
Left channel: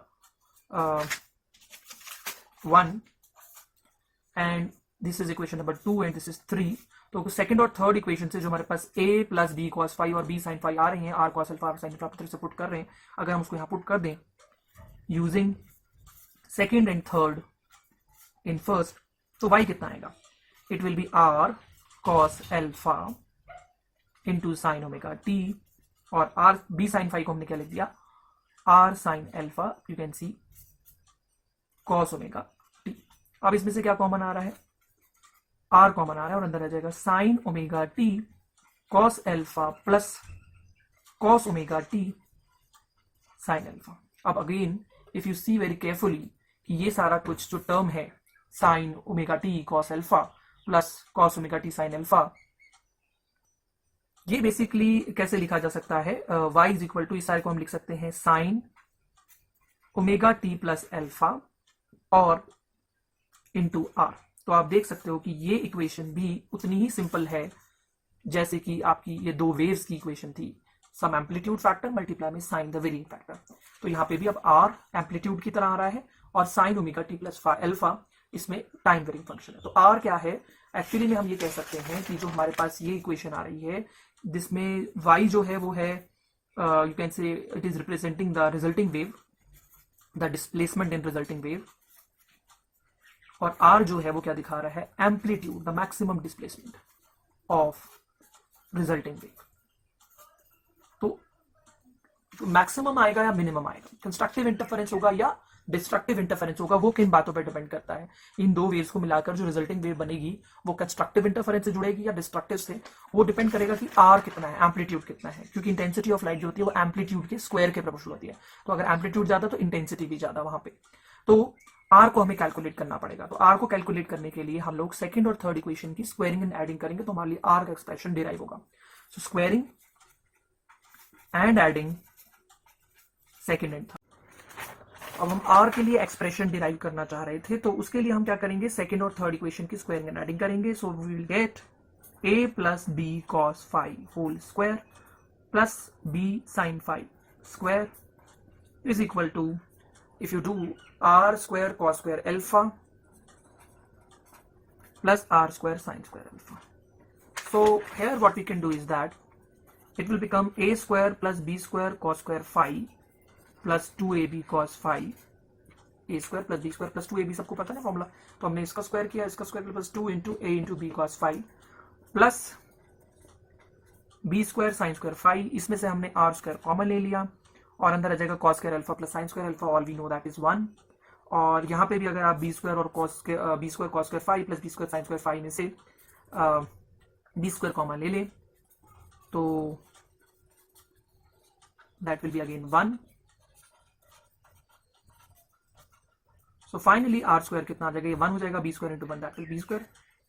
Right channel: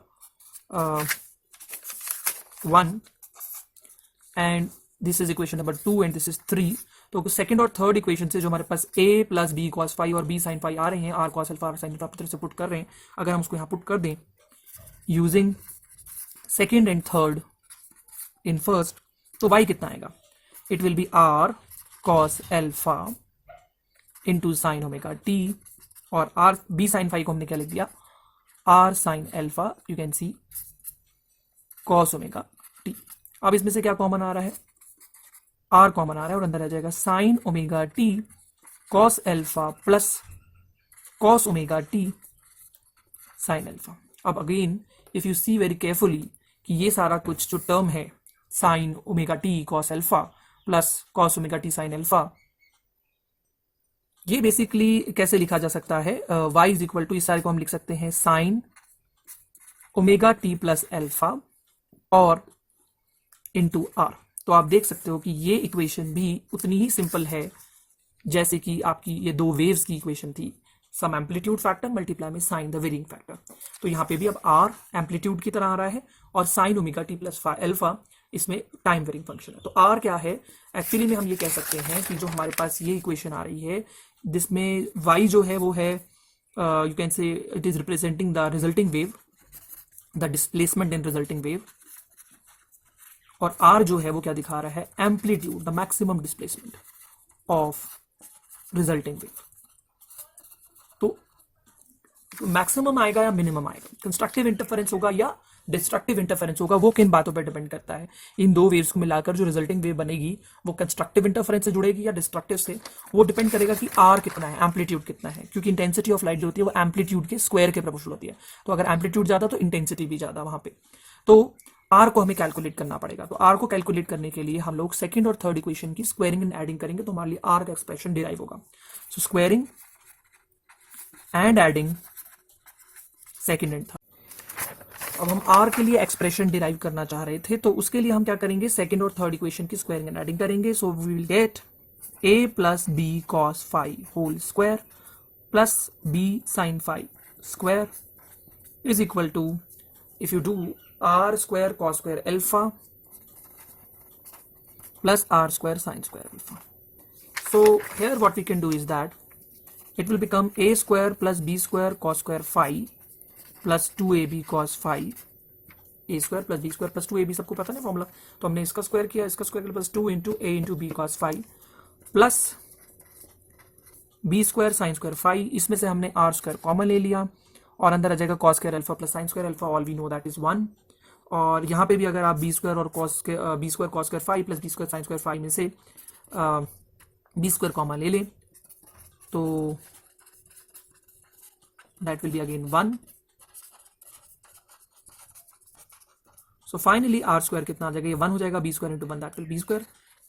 1 and this is equation number 2 and this is 3। तो सेकंड और थर्ड इक्वेशन से जो हमारे पास a प्लस बी कॉस 5 और b साइन 5 आ रहे हैं, r cos alpha sine alpha अपनी तरफ से पुट कर रहे हैं, अगर हम उसको यहाँ पुट कर दें using second and third in first, तो y कितना आएगा, it will be r cos alpha into sin omega t, और r b sin phi को हमने क्या लिख दिया, r sin alpha, you can see cos omega t। अब इसमें से क्या कॉमन आ रहा है, r कॉमन आ रहा है, और अंदर आ जाएगा sin omega t cos alpha plus cos omega t sin alpha। अब again if you see very carefully कि ये सारा कुछ जो टर्म है sin omega t cos alpha plus cos omega t sin alpha, ये बेसिकली कैसे लिखा जा सकता है, y इज इक्वल टू, इस सारे को हम लिख सकते हैं sin omega t plus alpha और इंटू r। तो आप देख सकते हो कि ये इक्वेशन भी उतनी ही सिंपल है जैसे कि आपकी ये दो वेव्स की इक्वेशन थी, सम एम्पलीट्यूड फैक्टर मल्टीप्लाई में साइन द वेरिंग फैक्टर। तो यहाँ पे भी अब r एम्पलीट्यूड की तरह आ रहा है और sign omega T plus alpha इसमें टाइम वेरिंग फंक्शन है। तो r क्या है, एक्चुअली में हम ये कह सकते हैं कि जो हमारे पास ये इक्वेशन आ रही है जिसमें y जो है वो है, you can say it is representing the resulting wave, the displacement in resulting wave, और r जो है वो क्या दिखा रहा है, amplitude, the maximum displacement of resulting wave. तो मैक्सिमम आएगा या मिनिमम आएगा, कंस्ट्रक्टिव इंटरफेरेंस होगा या डिस्ट्रक्टिव इंटरफेरेंस होगा, वो किन बातों पर डिपेंड करता है। इन दो वेव्स को मिलाकर जो रिजल्टिंग वेव बनेगी वो कंस्ट्रक्टिव इंटरफेरेंस से जुड़ेगी या डिस्ट्रक्टिव से, वो डिपेंड करेगा कि आर कितना है, एम्पलीट्यूड कितना है, क्योंकि इंटेंसिटी ऑफ लाइट जो होती है वो एम्पलीट्यूड के स्क्वायर के प्रोपोर्शनल होती है। तो अगर एम्पलीट्यूड ज्यादा तो इंटेंसिटी भी ज्यादा वहां पे, तो आर को हमें कैलकुलेट करना पड़ेगा। तो आर को कैलकुलेट करने के लिए हम लोग सेकंड और थर्ड इक्वेशन की स्क्वायरिंग एंड एडिंग करेंगे, तो हमारे लिए आर का एक्सप्रेशन डिराइव होगा। So squaring and adding second and third. अब हम r के लिए एक्सप्रेशन डिराइव करना चाह रहे थे, तो उसके लिए हम क्या करेंगे, सेकंड और थर्ड इक्वेशन की स्क्वायरिंग एंड एडिंग करेंगे। So we will get a plus b cos phi whole square plus b sin phi square is equal to, if you do r square cos square alpha plus r square sin square alpha. So here what we can do is that it will become a square plus b square cos square phi plus 2ab cos phi, a square plus b square plus 2ab, सबको पता है formula. तो हमने इसका square किया, इसका square किया plus 2 into a into b cos phi plus b square sine square phi, इसमें से हमने r स्क्वायर कॉमन ले लिया और अंदर आ जाएगा cos square alpha plus sine square alpha, all we know that is 1। और यहाँ पे भी अगर आप b स्क्वायर और b square cos square phi plus b square sine square phi में से b स्क्वायर कॉमन ले लें तो that will be again 1। So finally r square कितना आ जाएगा, ये 1 हो जाएगा, b square into 1 that will be b square,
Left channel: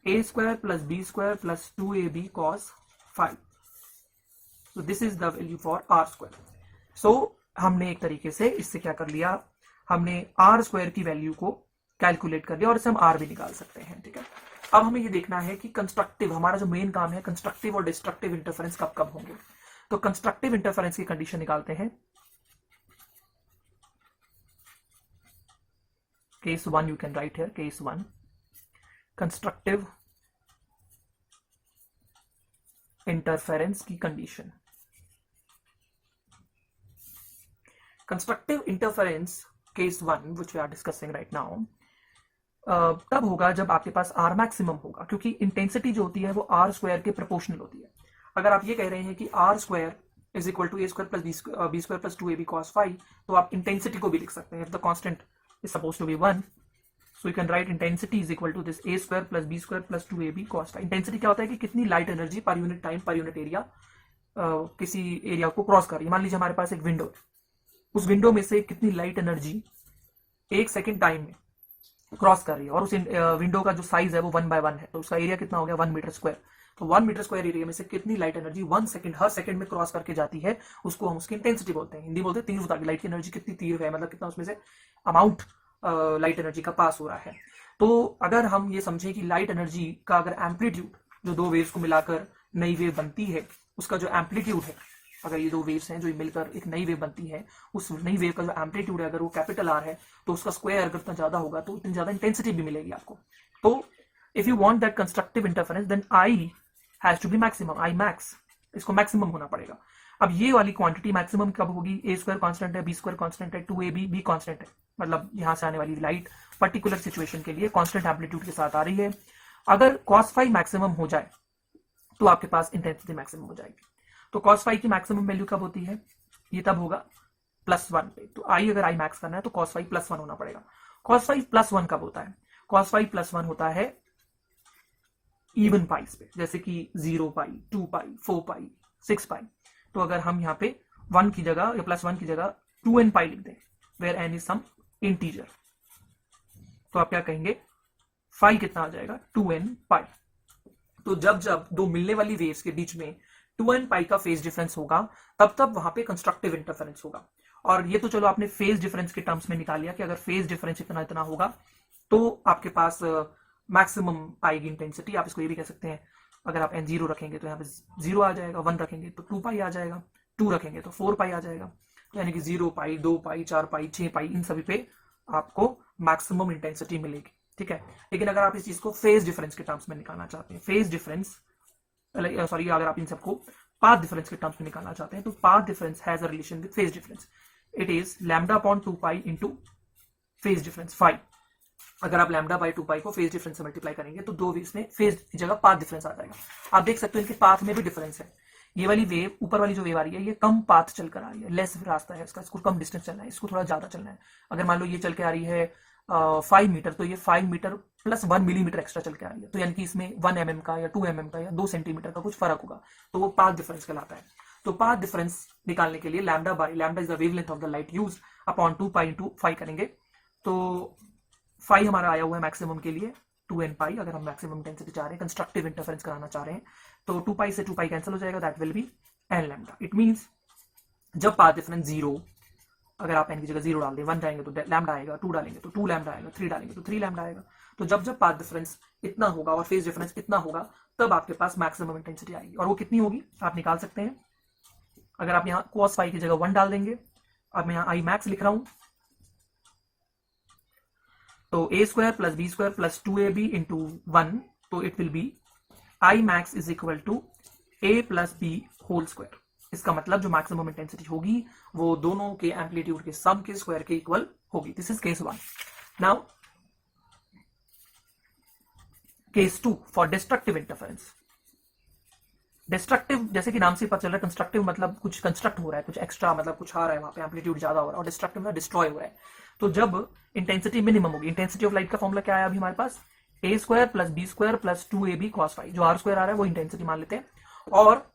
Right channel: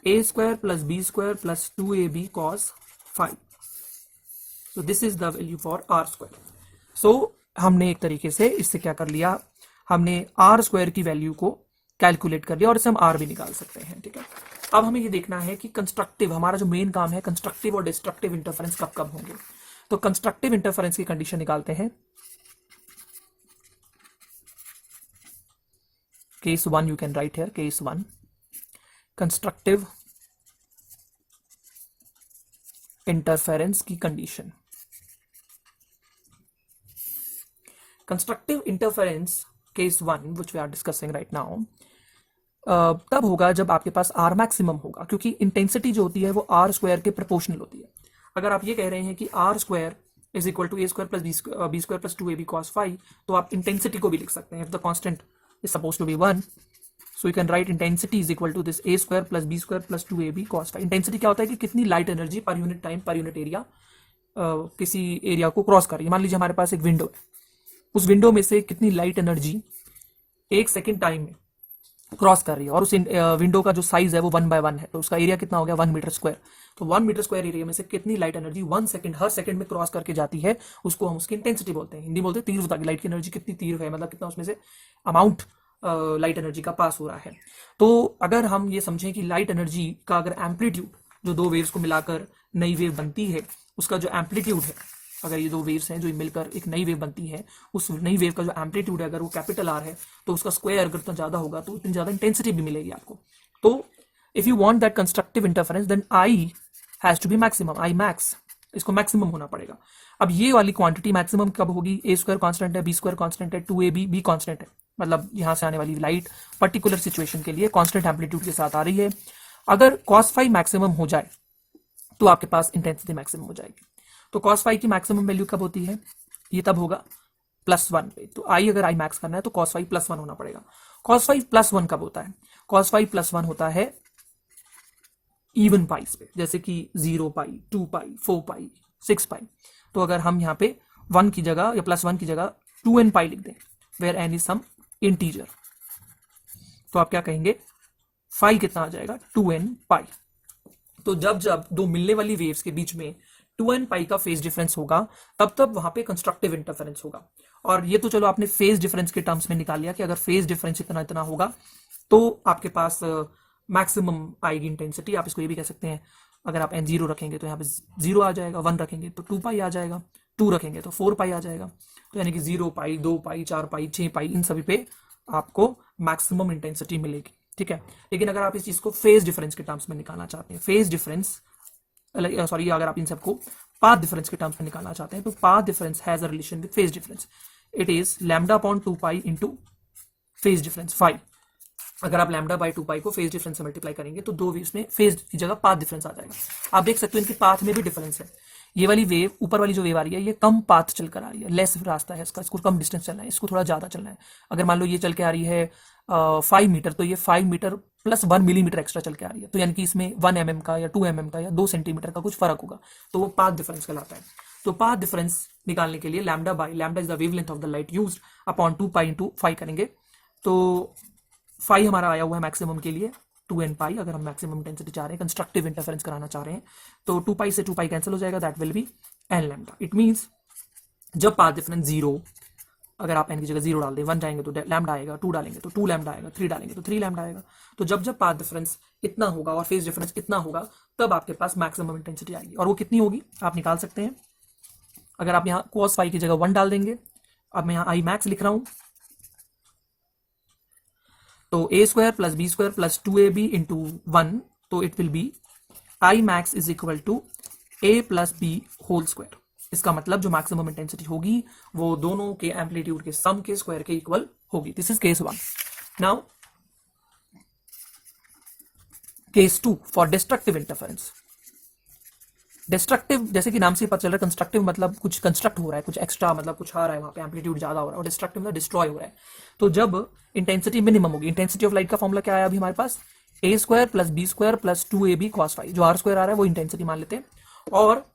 a square plus b square plus 2ab cos phi। So this is the value for r square। So हमने एक तरीके से इससे क्या कर लिया, हमने r square की वैल्यू को कैलकुलेट कर लिया और इससे हम r भी निकाल सकते हैं, ठीक है। अब हमें ये देखना है कि कंस्ट्रक्टिव, हमारा जो मेन काम है कंस्ट्रक्टिव और डिस्ट्रक्टिव इंटरफेरेंस कब कब होंगे। तो कंस्ट्रक्टिव इंटरफेरेंस की कंडीशन निकालते हैं। Case 1 you can write here, case 1 constructive interference की condition. Constructive interference case 1 which we are discussing right now तब होगा जब आपके पास r मैक्सिमम होगा, क्योंकि इंटेंसिटी जो होती है वो r स्क्वायर के प्रोपोर्शनल होती है। अगर आप ये कह रहे हैं कि r square is equal to a square plus b square plus 2ab cos phi, तो आप इंटेंसिटी को भी लिख सकते हैं। If the constant is suppose to be 1, so you can write intensity is equal to this a square plus b square plus 2ab cos phi। Intensity क्या होता है कि कितनी light energy per unit time per unit area किसी area को cross कर रही है। मान लीजिए हमारे पास एक विंडो है, उस विंडो में से कितनी लाइट एनर्जी 1 सेकेंड टाइम में क्रॉस कर रही है, और उस विंडो का जो साइज है वो 1 बाय 1 है, तो उसका एरिया कितना हो गया 1 मीटर स्क्वायर। तो 1 मीटर स्क्वायर एरिया में से कितनी लाइट एनर्जी 1 सेकंड हर सेकंड में क्रॉस करके जाती है, उसको हम उसकी इंटेंसिटी बोलते हैं। हिंदी बोलते हैं तीव्रता की, लाइट की एनर्जी कितनी तीव्र है, मतलब कितना उसमें से अमाउंट लाइट एनर्जी का पास हो रहा है। तो अगर हम ये समझें कि लाइट एनर्जी का अगर एम्पलीट्यूड, जो दो वेव्स को मिलाकर नई वेव बनती है, उसका जो एम्पलीट्यूड है, अगर ये दो वेव्स हैं जो मिलकर एक नई वेव बनती है, उस नई वेव का जो एम्पलीट्यूड है अगर वो कैपिटल आर है, तो उसका स्क्वायर अगर इतना ज्यादा होगा तो इतनी ज्यादा इंटेंसिटी भी मिलेगी आपको। तो if you want that constructive interference then I has to be maximum, I max, इसको मैक्सिमम होना पड़ेगा। अब ये वाली क्वांटिटी मैक्सिमम कब होगी, a स्क्वायर कांस्टेंट है, b स्क्वायर कांस्टेंट है, 2ab b कांस्टेंट है, मतलब यहाँ से आने वाली लाइट पर्टिकुलर सिचुएशन के लिए कांस्टेंट एम्पलीट्यूड के साथ आ रही है। अगर cos फाई मैक्सिमम हो जाए तो आपके पास इंटेंसिटी मैक्सिमम हो जाएगी। तो cos फाई की मैक्सिमम वैल्यू कब होती है? ये तब होगा +1 पे। तो आई अगर आई मैक्स करना है तो cos फाई +1 होना पड़ेगा। cos फाई +1 कब होता है? cos फाई +1 होता है इवन पाइस पे, जैसे कि 0 पाई, 2 पाई, 4 पाई, 6 पाई। तो अगर हम यहाँ पे 1 की जगह या +1 की जगह 2n पाई लिख दें, where n is some integer, तो आप क्या कहेंगे? फाई कितना आ जाएगा? 2n पाई। तो जब जब दो मिलने वाली वेव्स के बीच में 2n पाई का फेज डिफरेंस होगा, तब तब वहां पे कंस्ट्रक्टिव इंटरफेरेंस होगा। और ये तो चलो आपने फेज डिफरेंस के टर्म्स में निकाल लिया कि अगर फेज डिफरेंस इतना इतना होगा तो आपके पास मैक्सिमम आएगी इंटेंसिटी। आप इसको ये भी कह सकते हैं, अगर आप n0 रखेंगे तो यहाँ पे 0 आ जाएगा, 1 रखेंगे तो 2 पाई आ जाएगा, 2 रखेंगे तो 4 पाई आ जाएगा। तो यानी कि 0 पाई, 2 पाई, 4 पाई, 6 पाई, इन सभी पे आपको मैक्सिमम इंटेंसिटी मिलेगी। ठीक है, लेकिन अगर आप इस चीज को फेज डिफरेंस के टर्म्स में निकालना चाहते हैं, फेज डिफरेंस सॉरी, अगर आप इन सबको पाथ डिफरेंस के टर्म्स में निकालना चाहते हैं, तो path difference has a relation with phase difference. It is λ/2 pi into phase difference phi. अगर आप λ/2 पाई को फेज डिफरेंस से मल्टीप्लाई करेंगे तो दो वेव्स में फेज की जगह पाथ डिफरेंस आ जाएगा। आप देख सकते हो इनकी पाथ में भी डिफरेंस है। ये वाली वेव, ऊपर वाली जो वेव आ रही है, ये कम पाथ चल कर आ रही है, लेस रास्ता है इसका, इसको कम डिस्टेंस चलना है, इसको थोड़ा ज्यादा चलना है। अगर मान लो ये चल के आ रही है 5 मीटर, तो ये 5 मीटर प्लस 1 मिलीमीटर एक्स्ट्रा चल के आ रही है, तो यानी कि इसमें 1 mm का या 2 mm का या 2 सेंटीमीटर का कुछ फर्क होगा, तो वो पाथ डिफरेंस कहलाता है। तो पाथ डिफरेंस निकालने के लिए lambda is the wavelength of the light used upon 2 pi into phi करेंगे। तो फाई हमारा आया हुआ है मैक्सिमम के लिए 2n पाई। अगर हम मैक्सिमम इंटेंसिटी चाह रहे हैं, कंस्ट्रक्टिव इंटरफेरेंस कराना चाह रहे हैं, तो 2 पाई से 2 पाई कैंसिल हो जाएगा, that will B n lambda. It means जब पाथ डिफरेंस 0, अगर आप n की जगह 0 डाल दें, 1 जाएंगे तो लैम्डा आएगा, 2 डालेंगे तो 2 लैम्डा आएगा, 3 डालेंगे तो 3 लैम्डा आएगा। तो जब जब पाथ डिफरेंस इतना होगा और फेज डिफरेंस इतना होगा, तब आपके पास मैक्सिमम इंटेंसिटी आएगी। और वो कितनी होगी आप निकाल सकते हैं। अगर आप यहाँ cos फाई की जगह 1 डाल देंगे, अब मैं यहाँ आई मैक्स लिख रहा हूं, तो a² + b² + 2ab इंटू 1, तो it will be I max is equal to a + b whole square. इसका मतलब जो मैक्सिमम इंटेंसिटी होगी वो दोनों के एम्पलीट्यूड के सम के स्क्वायर के इक्वल होगी। This is case 1। Now case 2 for destructive interference. Destructive, जैसे कि नाम से पता चल रहा है, कंस्ट्रक्टिव मतलब कुछ कंस्ट्रक्ट हो रहा है, कुछ एक्स्ट्रा, मतलब कुछ आ रहा है, वहां पे एम्पलीट्यूड ज्यादा हो रहा है, और डिस्ट्रक्टिव मतलब डिस्ट्रॉय हो रहा है। तो जब इंटेंसिटी मिनिमम होगी, इंटेंसिटी ऑफ लाइट का फॉर्मूला क्या आया अभी हमारे पास? a² + b² + 2ab cos phi. जो r² आ रहा है वो इंटेंसिटी मान लेते हैं। और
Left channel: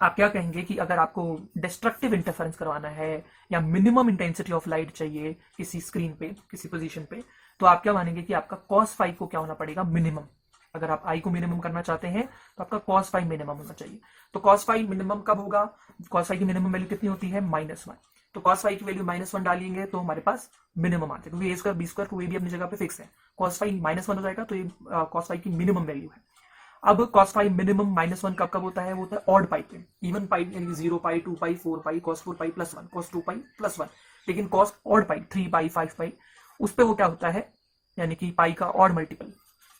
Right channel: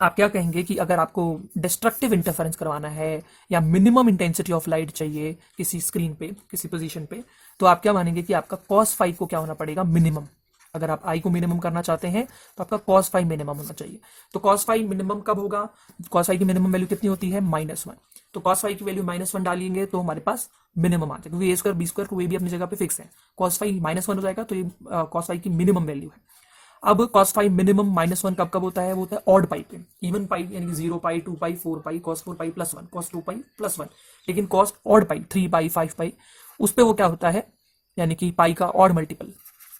आप क्या कहेंगे कि अगर आपको डिस्ट्रक्टिव इंटरफेरेंस करवाना है या मिनिमम इंटेंसिटी ऑफ लाइट चाहिए किसी स्क्रीन पे, किसी पोजीशन पे, तो आप क्या मानेंगे कि आपका cos फाई को क्या होना पड़ेगा? मिनिमम। अगर आप आई को मिनिमम करना चाहते हैं तो आपका cos फाई मिनिमम होना चाहिए। तो cos फाई मिनिमम कब होगा? cos फाई की मिनिमम वैल्यू कितनी होती है? -1। तो cos फाई की वैल्यू -1 डालेंगे तो हमारे पास मिनिमम आ जाएगा, क्योंकि a² b² को भी अपनी जगह पे फिक्स है। cos फाई -1 हो जाएगा, तो ये cos फाई की मिनिमम वैल्यू है। अब cos फाई मिनिमम -1 कब कब होता है? वो होता है ऑड पाई पे। इवन पाई यानी कि 0 पाई, 2 पाई, 4 पाई, cos 4 पाई +1, cos 2 पाई +1। लेकिन cos ऑड पाई 3 पाई, 5 पाई, उस पे वो क्या होता है, यानी कि पाई का odd multiple.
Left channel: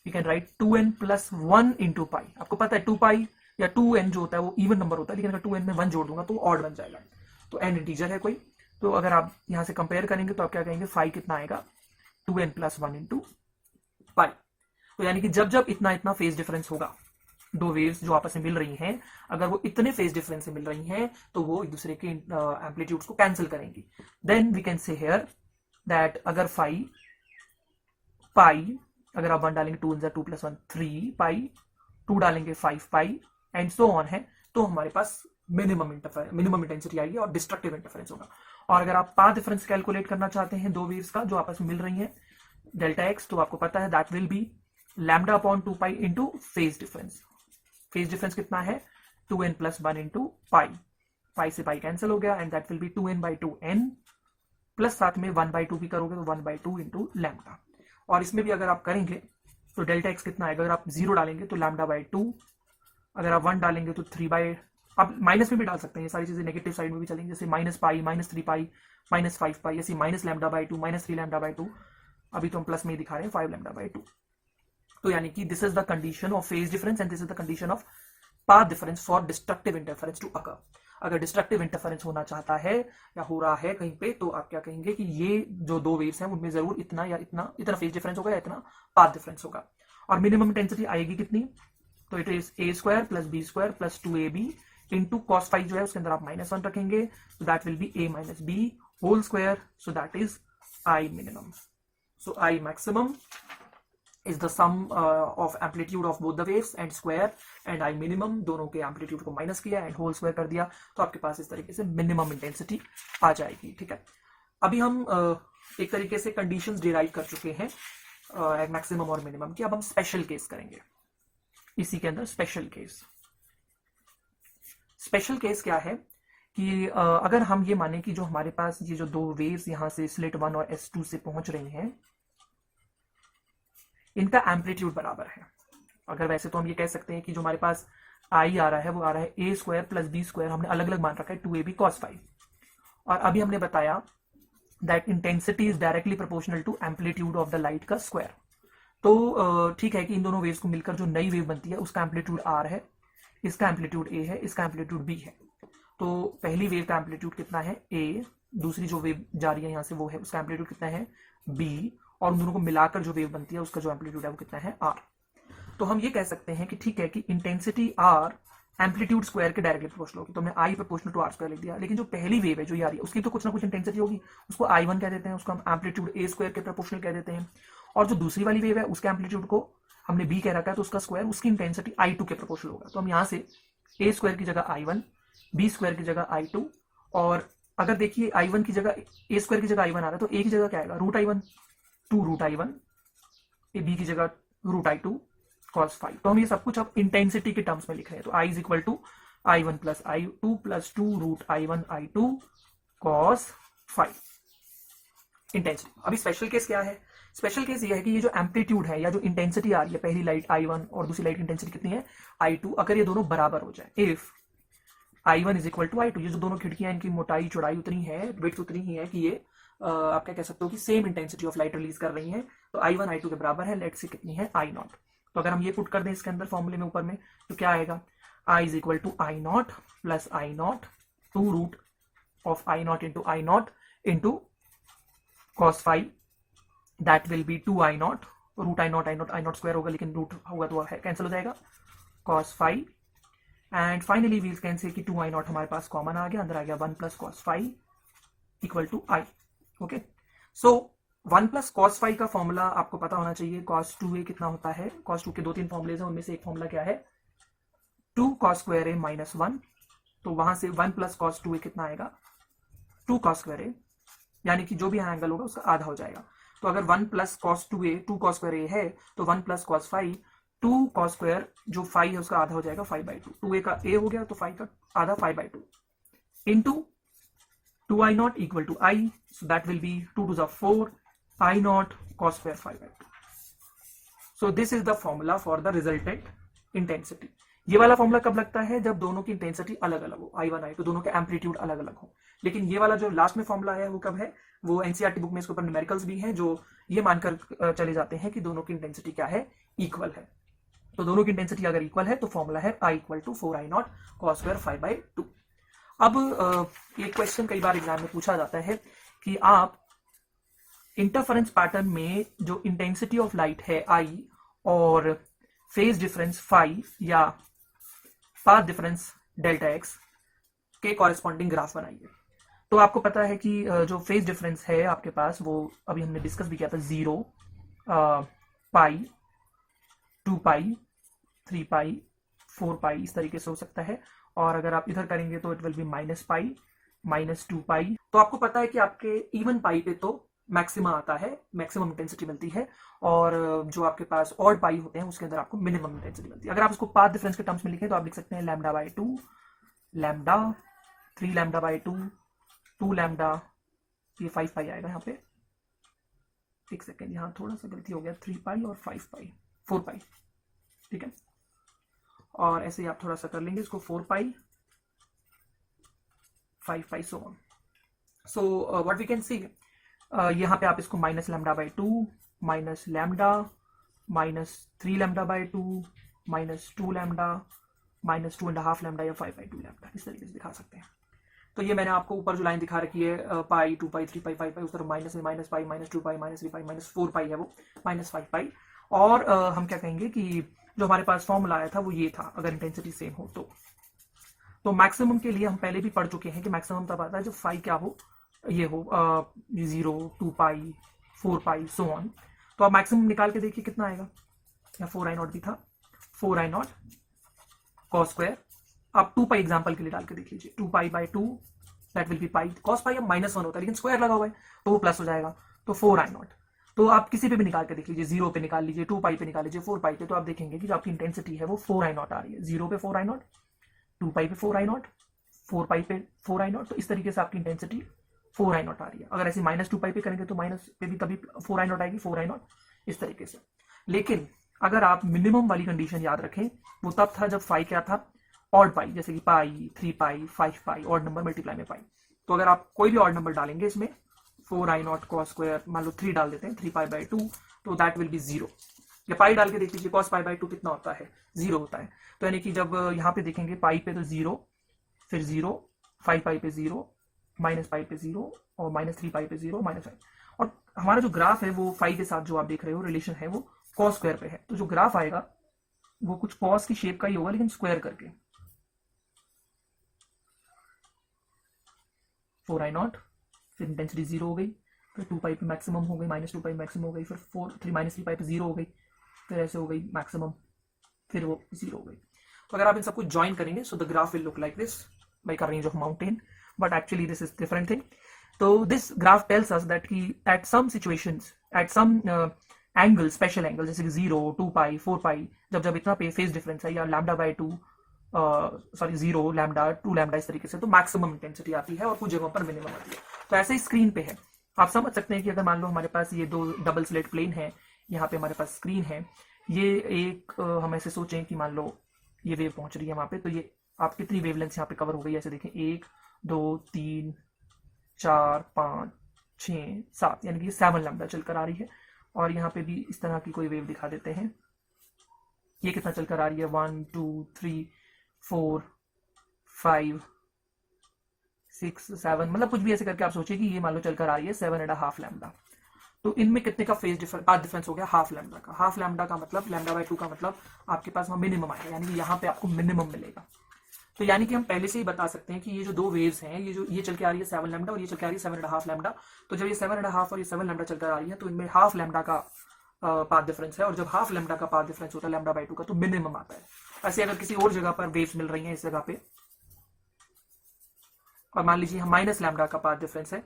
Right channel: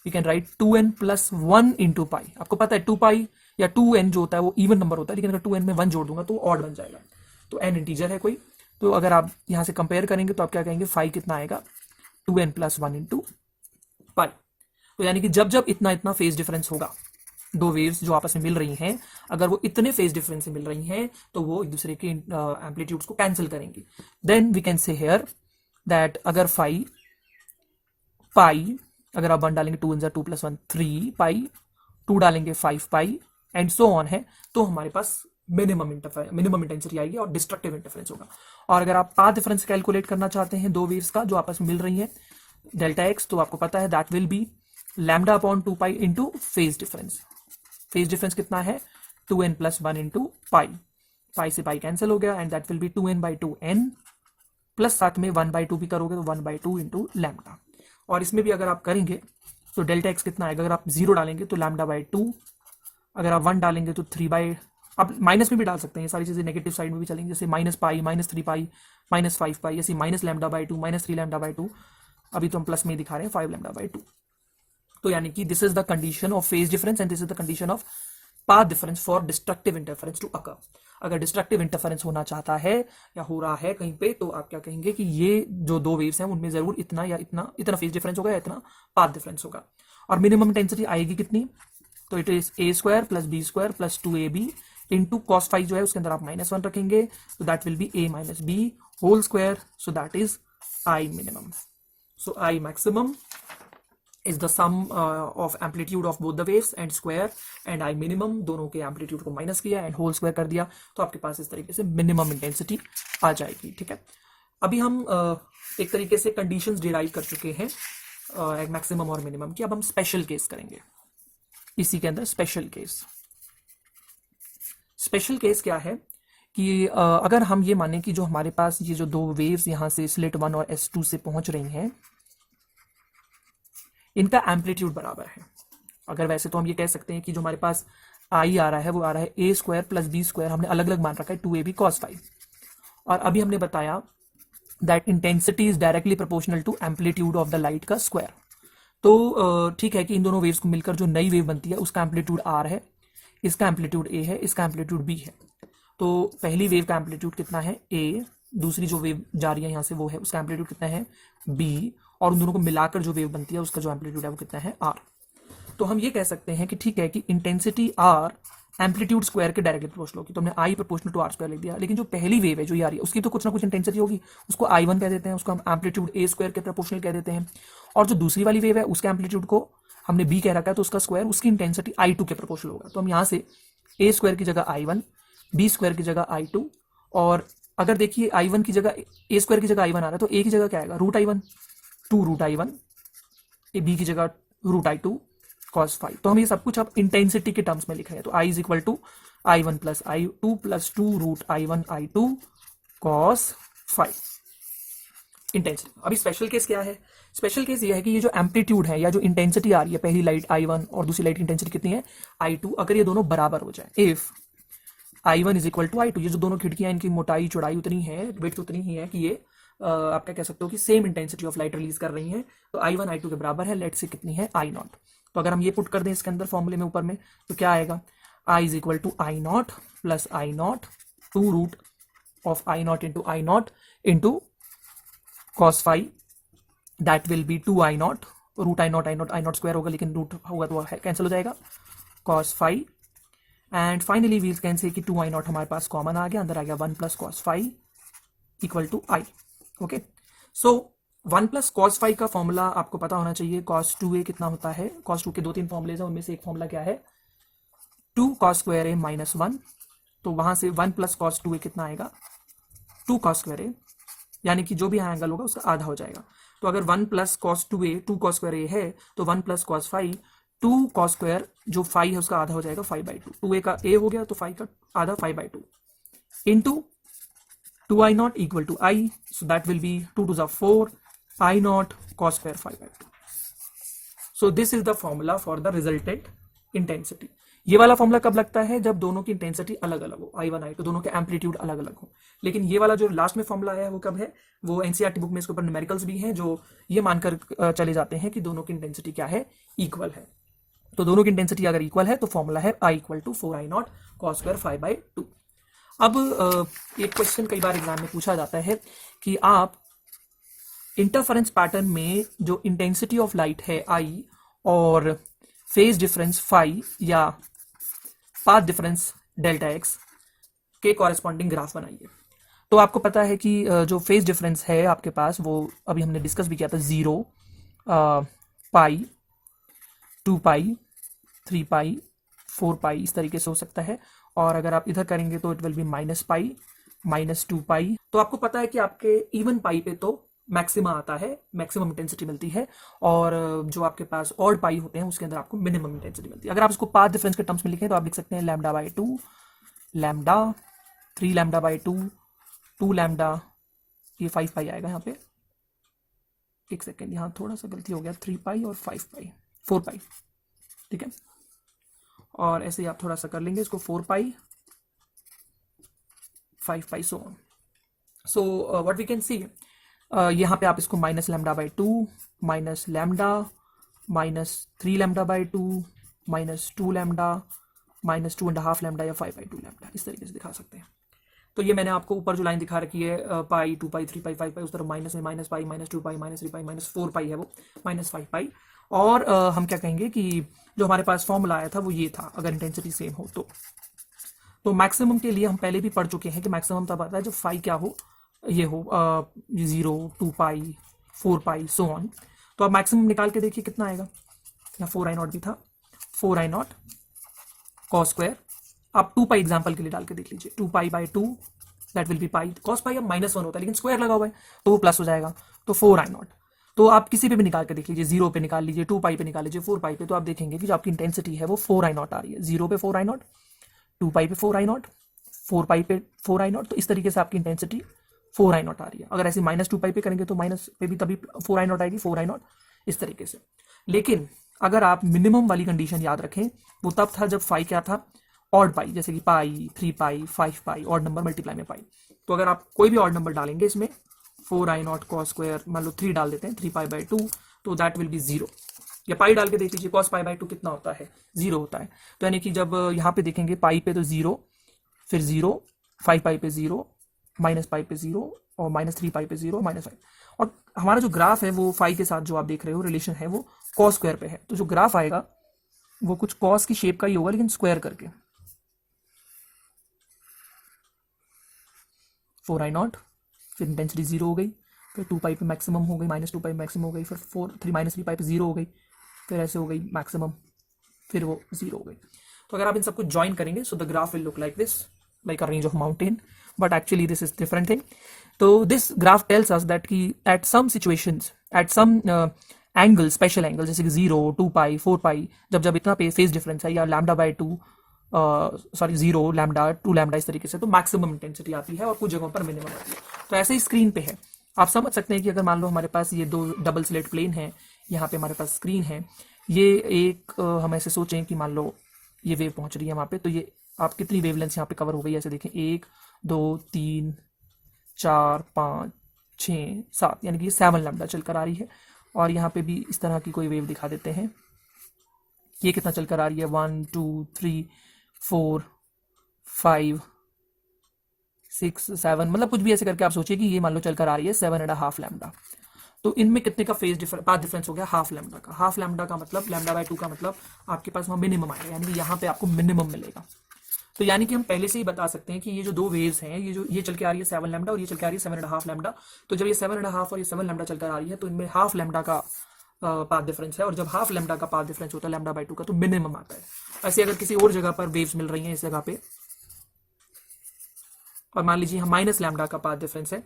You can right 2n + 1 into pi. आपको पता है 2 पाई या 2n जो होता है वो इवन नंबर होता है, लेकिन अगर 2n में 1 जोड़ दूंगा तो ऑड बन जाएगा। तो n इंटीजर है कोई, तो अगर आप यहाँ से कंपेयर करेंगे तो आप क्या कहेंगे? फाई कितना आएगा? 2n + 1 into pi. तो यानी कि जब जब इतना इतना फेज डिफरेंस होगा, दो वेव्स जो आपस में मिल रही हैं, अगर वो इतने फेज डिफरेंस से मिल रही हैं तो वो एक दूसरे के एम्पलीट्यूड्स को कैंसिल करेंगी। Then we can say here that अगर फाई पाई, अगर आप 1 डालेंगे 2 × 2 + 1 3 पाई, 2 डालेंगे 5 पाई, एंड सो ऑन है, तो हमारे पास मिनिमम इंटेंसिटी आएगी और डिस्ट्रक्टिव इंटरफेरेंस होगा। और अगर आप पाथ डिफरेंस कैलकुलेट करना चाहते हैं दो वेव्स का जो आपस में मिल रही हैं, डेल्टा एक्स, तो आपको पता है that will be λ/2 pi into phase difference. Phase difference कितना है? 2n + 1 into pi. पाई से पाई कैंसिल हो गया, and that will B 2n/2n plus साथ में 1/2 भी करोगे तो 1/2 इंटू लैम्डा। और इसमें भी अगर आप करेंगे तो डेल्टा एक्स कितना आएगा? अगर आप 0 डालेंगे तो λ/2, अगर आप 1 डालेंगे तो 3/, आप माइनस में भी डाल सकते हैं, सारी चीजें नेगेटिव साइड में भी चलेंगी, जैसे -π, -3 पाई, -5 पाई, ऐसे -λ/2, -3 λ/2। अभी तो हम प्लस में दिखा रहे हैं 5 λ/2। तो यानी कि this is the condition of phase difference and this is the condition of path difference for destructive interference to occur. अगर डिस्ट्रक्टिव इंटरफेरेंस होना चाहता है या हो रहा है कहीं पे, तो आप क्या कहेंगे कि ये जो दो वेव्स हैं उनमें जरूर इतना या इतना फेज डिफरेंस होगा या इतना पाथ डिफरेंस होगा। और मिनिमम इंटेंसिटी आएगी कितनी, तो it is a square plus b square plus 2ab into cos phi जो है उसके अंदर आप -1 रखेंगे, so that will be a minus b whole square, so that is I minimum. So I maximum is the sum of amplitude of both the waves and square, and I minimum दोनों के amplitude को minus किया and whole square कर दिया, तो आपके पास इस तरीके से मिनिमम इंटेंसिटी आ जाएगी। ठीक है, अभी हम एक तरीके से कंडीशंस डिराइव कर चुके हैं एट मैक्सिमम और मिनिमम की। अब हम स्पेशल केस करेंगे इसी के अंदर। स्पेशल केस क्या है कि अगर हम ये माने कि जो हमारे पास ये जो दो वेव्स यहाँ से स्लिट 1 और S2 से पहुंच रही हैं, इनका एम्पलीट्यूड बराबर है। अगर वैसे तो हम ये कह सकते हैं कि जो हमारे पास I आ रहा है वो आ रहा है a square plus b square, हमने अलग अलग मान रखा है 2ab cos फाई, और अभी हमने बताया that intensity is directly proportional to amplitude of the light का स्क्वायर। तो ठीक है कि इन दोनों वेव्स को मिलकर जो नई वेव बनती है उसका एम्पलीट्यूड r है, इसका एम्पलीट्यूड a है, इसका एम्पलीट्यूड b है। तो पहली वेव का एम्पलीट्यूड कितना है a, दूसरी जो वेव जा रही है यहाँ से वो है, उसका एम्पलीट्यूड कितना है b, और उन दोनों को मिलाकर जो वेव बनती है उसका जो एम्पलीट्यूड है वो कितना है r। तो हम ये कह सकते हैं कि ठीक है कि इंटेंसिटी r एम्पलीट्यूड स्क्वायर के डायरेक्टली प्रोपोर्शनल होगी, तो हमने I proportional to r square लिख दिया। लेकिन जो पहली वेव है जो ये आ रही है उसकी तो कुछ ना कुछ इंटेंसिटी होगी, उसको I1 कह देते हैं, उसको हम एम्पलीट्यूड a स्क्वायर के प्रोपोर्शनल कह देते हैं। और जो दूसरी वाली वेव है उसके एम्पलीट्यूड को हमने b कह रखा है, तो उसका स्क्वायर उसकी इंटेंसिटी I2 के प्रोपोर्शनल होगा। तो हम यहाँ से a स्क्वायर की जगह I1, b स्क्वायर की जगह I2, और अगर देखिए I1 की जगह a स्क्वायर की जगह I1 आ रहा है तो a की जगह क्या आएगा, root I1, 2 root I1, b की जगह रूट I2 cos फाई। तो हम ये सब कुछ अब इंटेंसिटी के टर्म्स में लिख रहे हैं, तो I is equal to I1 plus I2 plus 2 root I1 I2 cos phi intensity. अभी स्पेशल केस क्या है, स्पेशल केस ये है कि ये जो एम्पलीट्यूड है या जो इंटेंसिटी आ रही है, पहली लाइट I1 और दूसरी लाइट की इंटेंसिटी कितनी है I2, अगर ये दोनों बराबर हो जाए, if I1 is equal to I2, ये जो दोनों खिड़कियां इनकी मोटाई चौड़ाई उतनी है, विड्थ उतनी ही है कि ये आप क्या कह सकते हो कि same intensity of light release कर रही है, तो I1 I2 के बराबर है, लेट से कितनी है I0। तो अगर हम ये पुट कर दें इसके अंदर फॉर्मूले में ऊपर में, तो क्या आएगा, I is equal to I0 plus I0 2 root of I0 into cos phi, that will be 2I0, root I0 square होगा, लेकिन रूट होगा तो कैंसिल हो जाएगा, cos phi. And finally we can say कि 2I0 हमारे पास कॉमन आ गया, अंदर आ गया 1 plus cos phi equal to I। Okay, so 1 plus cos phi का फॉर्मूला आपको पता होना चाहिए, cos 2a कितना होता है, cos 2 के 2-3 फॉर्मूलेज हैं, उनमें से एक फॉर्मूला क्या है 2 cos स्क्वायर a माइनस 1, तो वहां से 1 प्लस cos 2a कितना आएगा 2 cos स्क्वायर a, यानी कि जो भी यहाँ एंगल होगा उसका आधा हो जाएगा। तो अगर 1 plus cos 2a 2 cos square a है, तो 1 plus cos phi 2 cos square जो फाई है उसका आधा हो जाएगा 5/2, 2a का a हो गया तो फाई का आधा 5/2 into 2I0 equal to I, so that will be 2 to the 4 I0 cos square 5/2। So this is the formula for the resultant intensity। ये वाला फॉर्मूला कब लगता है, जब दोनों की इंटेंसिटी अलग अलग हो, I1 I2 दोनों के एम्पलीट्यूड अलग अलग हो। लेकिन ये वाला जो लास्ट में फॉर्मूला है वो कब है, वो एनसीईआरटी बुक में इसके ऊपर न्यूमेरिकल्स भी हैं जो ये मानकर चले जाते हैं कि दोनों की इंटेंसिटी क्या है, इक्वल है। तो दोनों की इंटेंसिटी अगर इक्वल है तो फॉर्मूला है I equal to 4I0 cos square 5/2। अब एक क्वेश्चन कई बार एग्जाम में पूछा जाता है कि आप इंटरफेरेंस पैटर्न में जो इंटेंसिटी ऑफ लाइट है I और फेज डिफरेंस फाई या पाथ डिफरेंस डेल्टा एक्स के कॉरेस्पॉन्डिंग ग्राफ बनाइए। तो आपको पता है कि जो फेज डिफरेंस है आपके पास वो अभी हमने डिस्कस भी किया था, 0, पाई, 2 पाई, 3 पाई, 4 पाई, इस तरीके से हो सकता है। और अगर आप इधर करेंगे तो it will B minus pi, minus 2 पाई। तो आपको पता है कि आपके इवन पाई पे तो मैक्सिमम आता है, मैक्सिमम इंटेंसिटी मिलती है, और जो आपके पास ऑड पाई होते हैं उसके अंदर आपको मिनिमम इंटेंसिटी मिलती है। अगर आप इसको पाथ डिफरेंस के टर्म्स में लिखें तो आप लिख सकते हैं λ/2, लैम्डा 3 λ/2, 2 लैम्डा, ये 5 पाई आएगा यहाँ पे, एक सेकेंड यहाँ थोड़ा सा गलती हो गया, 3 पाई और 5 पाई, 4 पाई, ठीक है। और ऐसे ही आप थोड़ा सा कर लेंगे इसको, 4 pi, 5 pi, so on. So what we can see, यहाँ पे आप इसको -λ/2, माइनस लैम्डा, -3 λ/2, -2 लैम्डा, -2.5 लैम्डा या 5/2 लैम्डा, इस तरीके से दिखा सकते हैं। तो ये मैंने आपको ऊपर जो लाइन दिखा रखी है पाई, 2 पाई, 3 पाई, 5 पाई, उस तरफ माइनस में माइनस पाई, -2 पाई, -3 पाई, -4 पाई है वो, -5 पाई, और हम क्या कहेंगे कि जो हमारे पास फॉर्मूला आया था वो ये था, अगर इंटेंसिटी सेम हो तो मैक्सिमम के लिए हम पहले भी पढ़ चुके हैं कि मैक्सिमम तब आता है जब फाई क्या हो, ये हो 0, 2 पाई, 4 पाई, सो ऑन। तो आप मैक्सिमम निकाल के देखिए कितना आएगा। यहाँ 4i0 भी था, 4i0 कॉस स्क्वायर। आप 2 पाई एग्जाम्पल के लिए डाल के देख लीजिए, 2 pi by 2 that will B pi. Cos pi अब -1 होता है लेकिन स्क्वायर लगा हुआ है तो वो प्लस हो जाएगा, तो 4i0। तो आप किसी पे भी निकाल के देख लीजिए, 0 पे निकाल लीजिए, 2 पाई पे निकाल लीजिए, 4 पाई पे, तो आप देखेंगे कि जो आपकी इंटेंसिटी है वो 4i0 आ रही है। 0 पे 4i0, 2 पाई पे 4i0, 4 पाई पे 4i0, तो इस तरीके से आपकी इंटेंसिटी 4i0 आ रही है। अगर ऐसे -2 पाई पे करेंगे तो माइनस पे भी तभी 4i0 आएगी, 4i0 इस तरीके से। लेकिन अगर आप मिनिमम वाली कंडीशन याद रखें, वो तब था जब फाई क्या था, ऑड पाई, जैसे कि पाई, 3 पाई, 5 पाई, ऑड नंबर मल्टीप्लाई में पाई। तो अगर आप कोई भी ऑड नंबर डालेंगे इसमें, 4i0 कॉस स्क्वायर, मान लो 3 डाल देते हैं, 3 पाई बाई 2, तो दैट विल बी 0। या पाई डाल के देख लीजिए, कॉस पाई बाई 2 कितना होता है, 0 होता है। तो यानी कि जब यहाँ पे देखेंगे पाई पे तो 0, फिर 0, 5 पाई पे 0, माइनस पाई पे 0, और -3 पाई पे 0, -5। और हमारा जो ग्राफ है वो फाई के साथ जो आप देख रहे हो रिलेशन है वो कॉस स्क्वायर पे है। तो जो ग्राफ आएगा वो कुछ कॉस की शेप का ही होगा लेकिन स्क्वायर करके। 4i0, फिर इंटेंसिटी 0 हो गई, फिर 2 पाई पे मैक्सिमम हो गई, -2 पाई मैक्सिमम हो गई, फिर 3 पाई पे 0 हो गई, फिर ऐसे हो गई मैक्सिमम, फिर वो 0 हो गई। तो अगर आप इन सबको ज्वाइन करेंगे so the graph will look like this, like a range of mountain, but actually this is different thing. तो this graph tells us that कि at some situations, at some angle, special angle, जैसे कि 0, 2 pi, 4 पाई, जब इतना पे phase difference है, या lambda by 2, sorry 0, lambda, 2 lambda, इस तरीके से, तो मैक्सिमम इंटेंसिटी आती है और कुछ जगहों पर मिनिमम आती है। तो ऐसे ही स्क्रीन पे है, आप समझ सकते हैं कि अगर मान लो हमारे पास ये 2 डबल स्लेट प्लेन है, यहाँ पे हमारे पास स्क्रीन है, ये एक हम ऐसे सोचें कि मान लो ये वेव पहुंच रही है वहाँ पे, तो ये आप कितनी वेवलेंथ यहाँ पे कवर हो गई, ऐसे देखें 1, 2, 3, 4, 5, 6, 7, यानी कि ये 7 लैम्डा चलकर आ रही है। और यहाँ पे भी इस तरह की कोई वेव दिखा देते हैं, ये कितना चलकर आ रही है, 1, 2, 3, 4, 5, 6, 7, मतलब कुछ भी ऐसे करके आप सोचिए कि ये मान लो चलकर आ रही है 7.5 लैम्डा। तो इनमें कितने का पाथ डिफरेंस हो गया, हाफ लैम्डा का। हाफ लैम्डा का मतलब, लैम्डा बाई 2 का मतलब आपके पास वहाँ मिनिमम आएगा, यानी कि यहाँ पे आपको मिनिमम मिलेगा। तो यानी कि हम पहले से ही बता सकते हैं कि ये जो 2 वेव्स हैं, ये चल के आ रही है 7 लैम्डा और ये चल के आ रही है 7.5 लैम्डा। तो जब ये 7.5 और ये 7 लैम्डा चलकर आ रही है तो इनमें हाफ लैम्डा का पाथ डिफरेंस है, और जब हाफ लैम्डा का पाथ डिफरेंस होता है लैम्डा बाई 2 का, तो मिनिमम आता है। ऐसे अगर किसी और जगह पर वेव्स मिल रही हैं इस जगह पे, और मान लीजिए हम माइनस लैम्डा का पाथ डिफरेंस है,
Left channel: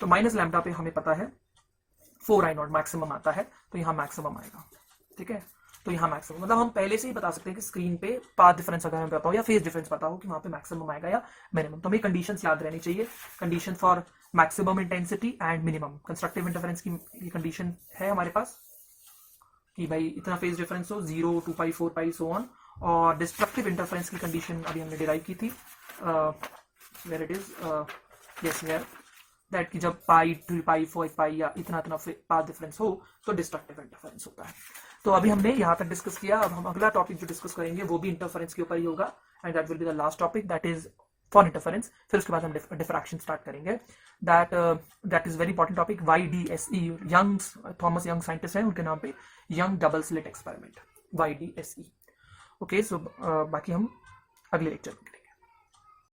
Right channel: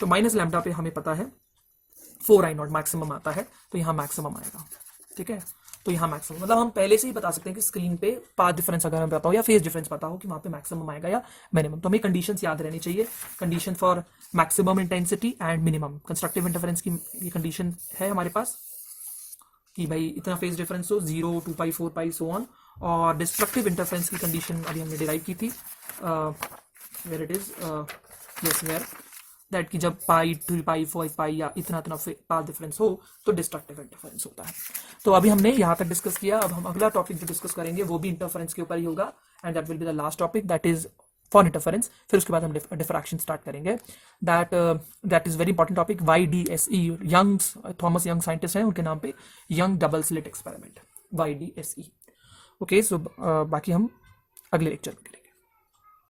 तो माइनस लैम्डा पे हमें पता है 4i0 मैक्सिमम आता है, तो यहाँ मैक्सिमम आएगा। ठीक है, तो यहाँ मैक्सिमम मतलब हम पहले से ही बता सकते हैं कि स्क्रीन पे पाथ डिफरेंस अगर हमें पता हो या फेज डिफरेंस पता हो कि वहाँ पे मैक्सिमम आएगा या मिनिमम, तो हमें कंडीशंस याद रहनी चाहिए। Condition for maximum intensity and minimum. Constructive interference की ये कंडीशन है हमारे पास कि भाई इतना फेज डिफरेंस हो, 0, 2 पाई, 4 पाई, सो ऑन। और डिस्ट्रक्टिव इंटरफेरेंस की कंडीशन अभी हमने डिराइव की थी, where it is, yes where, that कि जब पाई, 2 पाई, 4 पाई या इतना पाथ डिफरेंस हो तो डिस्ट्रक्टिव इंटरफेरेंस होता है। तो अभी हमने यहाँ तक डिस्कस किया, अब हम अगला टॉपिक जो डिस्कस करेंगे वो भी इंटरफेरेंस के ऊपर ही होगा, and that will be the last topic, that is for interference. फिर उसके बाद हम डिफ्रैक्शन स्टार्ट करेंगे, that is very important topic, YDSE, Young's, Thomas Young scientist है, उनके नाम पे Young double slit experiment, YDSE। Okay, so बाकी हम अगले लेक्चर में करेंगे।